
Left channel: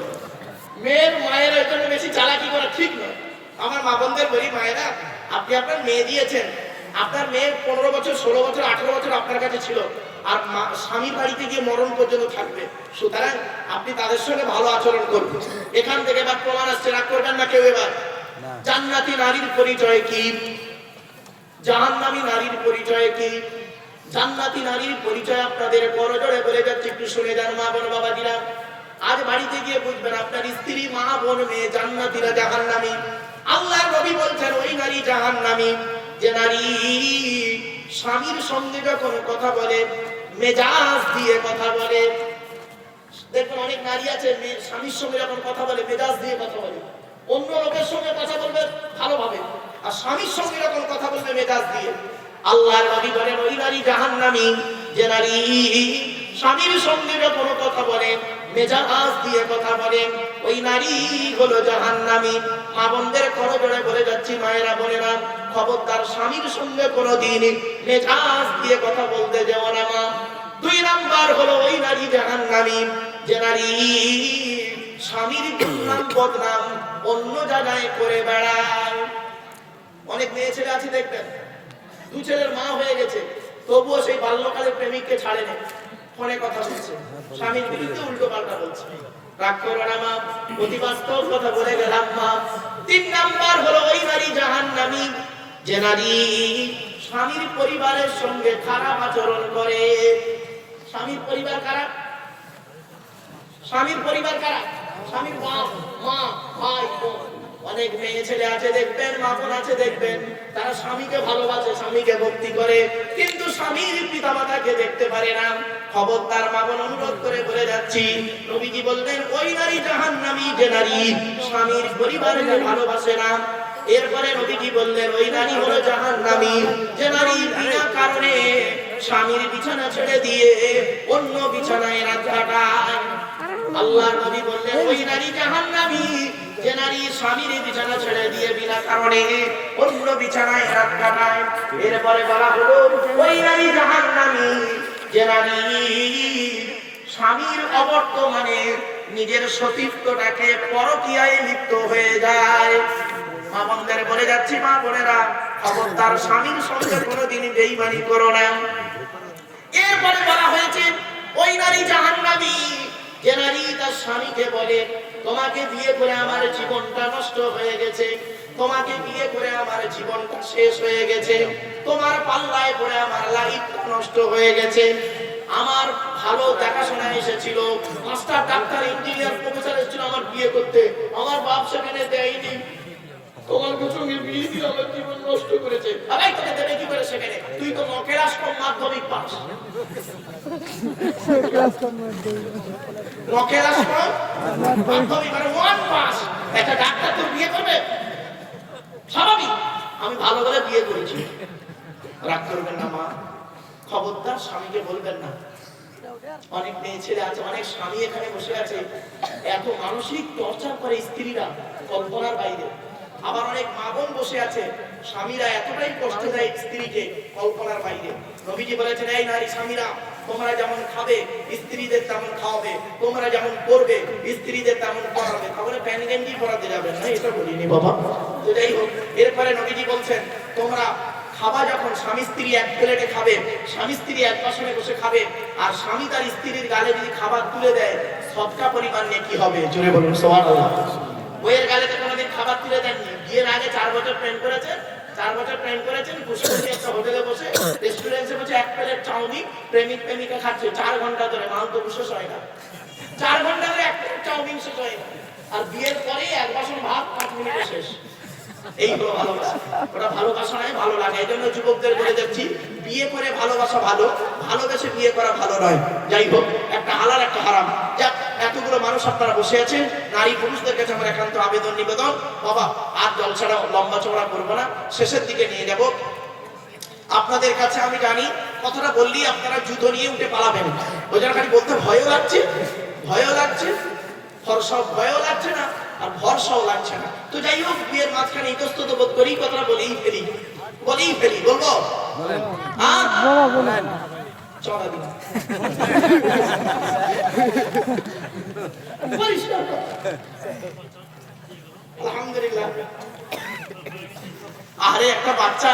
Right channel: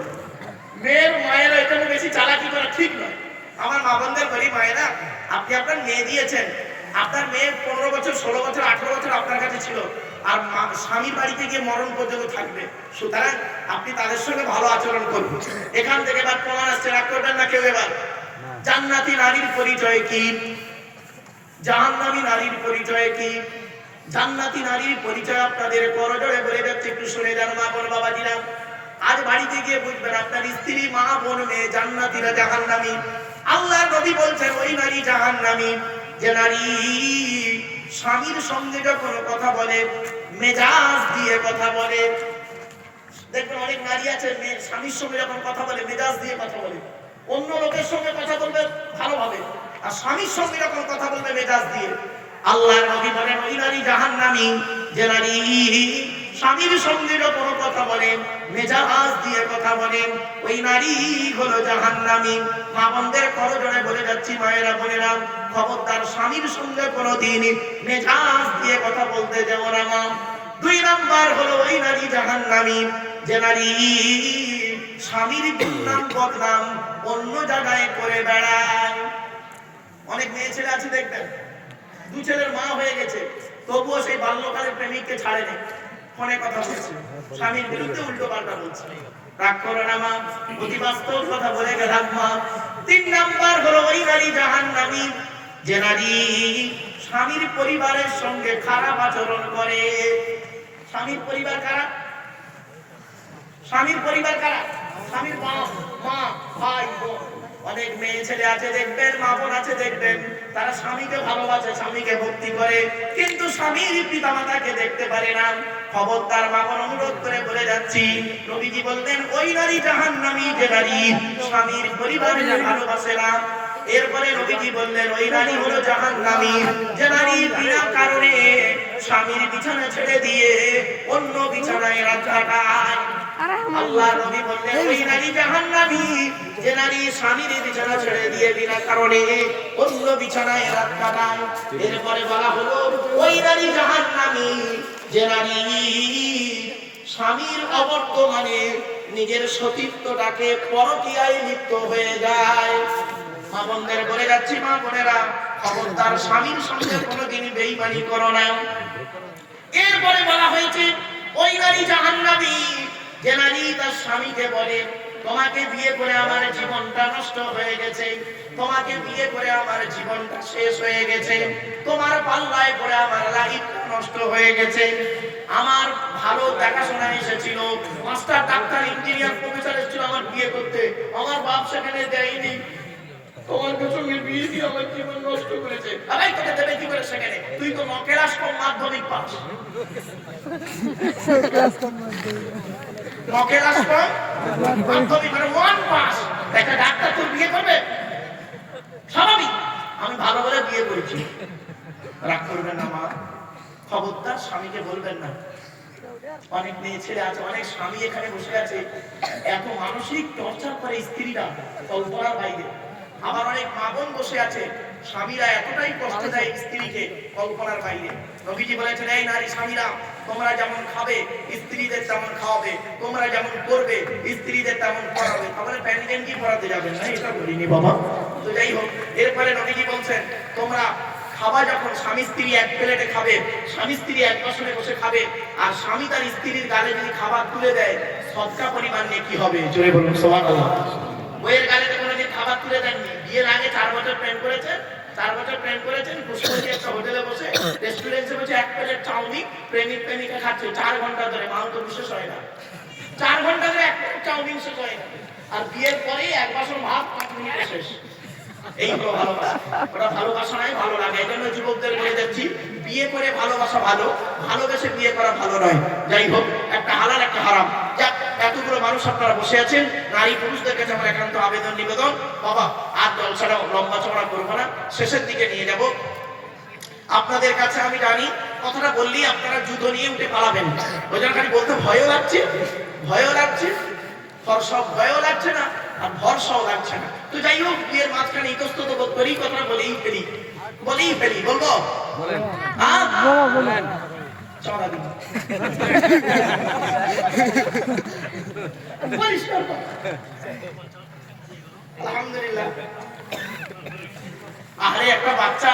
মেয়ের মায়েরা এখানে বেশি চালাকি করা ঠিক নয়। আমার মা বোনদের বলি, মায়েরা আপনি আপনার মেয়ে দিয়েছেন, আপনার মেয়ে 15 বছর 16 বছর 18 বছর আপনার কাছে ছিল, আর স্বামীর বাড়িতে গিয়ে মরণ পর্যন্ত থাকবে। সুতরাং আপনি তাদের সঙ্গে ভালো আচরণ করবেন। এখান থেকে এবার প্রমাণ আসছে, রাগ করবেন না কেউ। এবার জান্নাতি নারীর পরিচয় কি, জাহান্নামী নারীর পরিচয় কি? জান্নাতি নারীর পরিচয় আপনাদের করজোড়ে বলে যাচ্ছে, একটু শুনে যান মা বোন বাবাজিরা। আজ বাড়িতে গিয়ে বুঝবেন আপনার স্ত্রী, মা বোন, মেয়ে জান্নাতীরা জাহান্নামী। আল্লাহর নবী বলছেন ওই নারী জাহান্নামী যে নারী স্বামীর সঙ্গে যখন কথা বলে মেজাজ দিয়ে কথা বলে। দেখবেন অনেক নারী আছে স্বামীর সঙ্গে যখন কথা বলে মেজাজ দিয়ে কথা বলে, অন্য লোকের সঙ্গে কথা বলবে ভালোভাবে, আর স্বামীর সঙ্গে যখন কথা বলবে মেজাজ দিয়ে। আল্লাহর নবী বলেন ওই নারী জাহান্নামী যে নারী স্বামীর সঙ্গে যখন কথা বলে মেজাজ দিয়ে কথা বলে, ওই নারী হলো জাহান্নামী। মা বোনদের করজোড়ে বলে যাচ্ছি, মায়েরা বোনেরা, খবরদার স্বামীর সঙ্গে কোনোদিন মেজাজ দিয়ে কথা বলতে যাও না মা। 2 নাম্বার হলো ওই নারী জাহান্নামী যে নারী স্বামীর দুর্নাম বদনাম অন্য জায়গায় করে বেড়ায়। অনেক মেয়ে ছেলে আছে দেখবেন, 2 ছেলের মা হয়ে গেছে, তবুও সেই বাল্যকালের প্রেমিককে ছাড়েনি, ফোনে কথা বলছে, স্বামীর বিরুদ্ধে উল্টো পাল্টা বলছে। রাগ করো না মা, অতি বাস্তব কথা বলে গেলাম মা। 3 নাম্বার হলো ওই নারী জাহান্নামী যে নারী স্বামীর পরিবারের সঙ্গে খারাপ আচরণ করে। স্বামীর পরিবার কারা? স্বামীর পরিবার কারা? স্বামীর বাপ মা ভাই বোন। অনেক মেয়ে ছেলে আছে দেখবেন, মা বোন আছে দেখবেন, তারা স্বামীকে ভালোবাসে, স্বামীকে ভক্তি করে, কিন্তু স্বামীর পিতামাতাকে দেখতে পারে না। খবরদার মা বোন, অনুরোধ করে বলে যাচ্ছি, নবীজি বললেন ওই নারী জাহান্নামী যে নারী স্বামীর পরিবারকে ভালোবাসে না। এরপরে নবীজি বললেন ওই নারী হলো জাহান্নামী যে নারী বিনা কারণে স্বামীর বিছানা ছেড়ে দিয়ে অন্য বিছানায় রাত কাটায়। আল্লাহ নবী বললেন ওই নারী জাহান্নামী যে নারী স্বামীর বিছানা ছেড়ে দিয়ে বিনা কারণে অন্য বিছানায় রাত কাটায়। এরপরে বলা হলো ওই নারী জাহান্নামী যে নারী স্বামীর অবর্তমানে নিজের সতীত্বটাকে পরকীয়ায় লিপ্ত হয়ে যায়। মা বোনদের বলে যাচ্ছি, মা বোনেরা, খবরদার স্বামীর সঙ্গে কোনোদিন বেঈমানি করো না। এরপরে বলা হয়েছে ওই নারী জাহান্নামী যে নারী তার স্বামীকে বলে তোমাকে বিয়ে করে আমার জীবনটা নষ্ট হয়ে গেছে, তোমাকে বিয়ে করে আমার জীবনটা শেষ হয়ে গেছে, তোমার পাল্লায় পড়ে আমার লাইফটা নষ্ট হয়ে গেছে। আমার ভালো দেখাশোনা এসেছিল, মাস্টার ডাক্তার ইঞ্জিনিয়ার প্রফেসর এসেছিল আমার বিয়ে করতে, আমার বাপ সেখানে দেয়নি, তোমার সঙ্গে বিয়ে দিয়ে আমার জীবন নষ্ট করেছে। আরে তোকে দেবে কি করে সেখানে? তুই তো নকেরাস কম মাধ্যমিক পাস। নকেরাস কম মাধ্যমিক মানে 1 পাস, একটা ডাক্তার তোর বিয়ে করবে? স্বাভাবিক। আমি ভালো করে বিয়ে করেছি। রাগ করবেন না মা, খবরদার স্বামীকে বলবেন না। অনেক মেয়ে ছেলে আছে, অনেক স্বামী এখানে বসে আছে, এত মানসিক টর্চার করে স্ত্রীরা কল্পনার বাইরে। আবার অনেক মা বোন বসে আছে, স্বামীরা এতটাই কষ্ট দেয় স্ত্রীকে কল্পনার বাইরে। নবীজি বলেছেন এই নারী স্বামীরা তোমরা যেমন খাবে স্ত্রীদের তেমন খাওয়াবে, তোমরা যেমন করবে স্ত্রীদের তেমন পড়াবে। তাহলে প্যানি গেঞ্জি পড়াতে যাবে না, এটা বলিনি বাবা। তো যাই হোক, এরপরে নবীজি বলছেন তোমরা খাবা যখন স্বামী স্ত্রী এক প্লেটে খাবে, স্বামী স্ত্রী এক বাসনে বসে খাবে, আর স্বামী তার স্ত্রীর গালে যদি খাবার তুলে দেয় সদকা পরিমাণ নেকি হবে। জোরে বলুন সুবহানাল্লাহ। বইয়ের গালে কোনোদিন খাবার তুলে দেননি, বিয়ের আগে 4 বছর প্রেম করেছে, 4 বছর প্রেম করেছেন, পুষ্পবতী একটা হোটেলে বসে রেস্টুরেন্টে বসে 1 প্লেট চাউমিন প্রেমিক প্রেমিকা খাচ্ছে 4 ঘন্টা ধরে, মাল তো বিশেষ হয় না। 4 ঘন্টা ধরে 1 প্লেট চাউমিন শেষ হয় না। আর বিয়ের পরে 1 বাসন ভাত 5 মিনিটে শেষ। এই তো ভালোবাসা। ওটা ভালোবাসা নয়, ভালো লাগে। এই জন্য যুবকদের বলে যাচ্ছি, বিয়ে করে ভালোবাসা ভালো, ভালোবেসে বিয়ে করা ভালো নয়। যাই হোক, একটা হালাল একটা হারাম। যাক, এতগুলো মানুষ আপনারা বসে আছেন, নারী পুরুষদের কাছে আমার একান্ত আবেদন নিবেদন, বাবা আর জলসাটা লম্বা চড়া করবো না, শেষের দিকে নিয়ে যাব। আপনাদের কাছে আমি জানি কথাটা বললেই আপনারা যুদ্ধ নিয়ে উঠে পালাবেন, ওই জন্য খালি বলতে ভয়ও লাগছে, ভয়ও লাগছে, ভয়ও লাগছে না আর ভরসাও লাগছে না। তো যাই হোক, বিয়ের মাঝখানে ইতস্তত বোধ করি, কথাটা বলেই ফেলি, বলবো বলেন চড়া দিন আলহামদুলিল্লাহ। আরে একটা বাচ্চা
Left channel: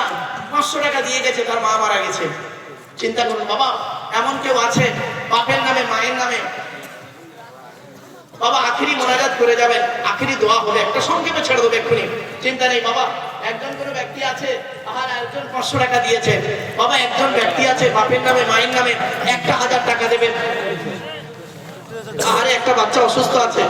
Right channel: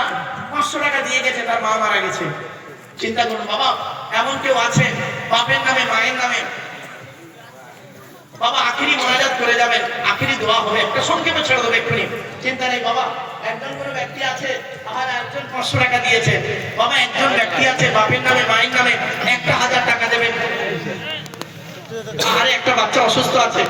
500 টাকা দিয়ে গেছে, তার মা মারা গেছে। চিন্তা করুন বাবা, এমন কেউ আছে বাপের নামে মায়ের নামে বাবা আখিরি মোনাজাত করে যাবেন, আখিরি দোয়া হবে, একটা সংক্ষেপে ছেড়ে দেবে এক্ষুনি, চিন্তা নেই বাবা। একজন কোনো ব্যক্তি আছে, আর একজন 500 টাকা দিয়েছে বাবা, একজন ব্যক্তি আছে বাপের নামে মায়ের নামে 1000 টাকা দেবেন। আরে একটা বাচ্চা অসুস্থ আছে।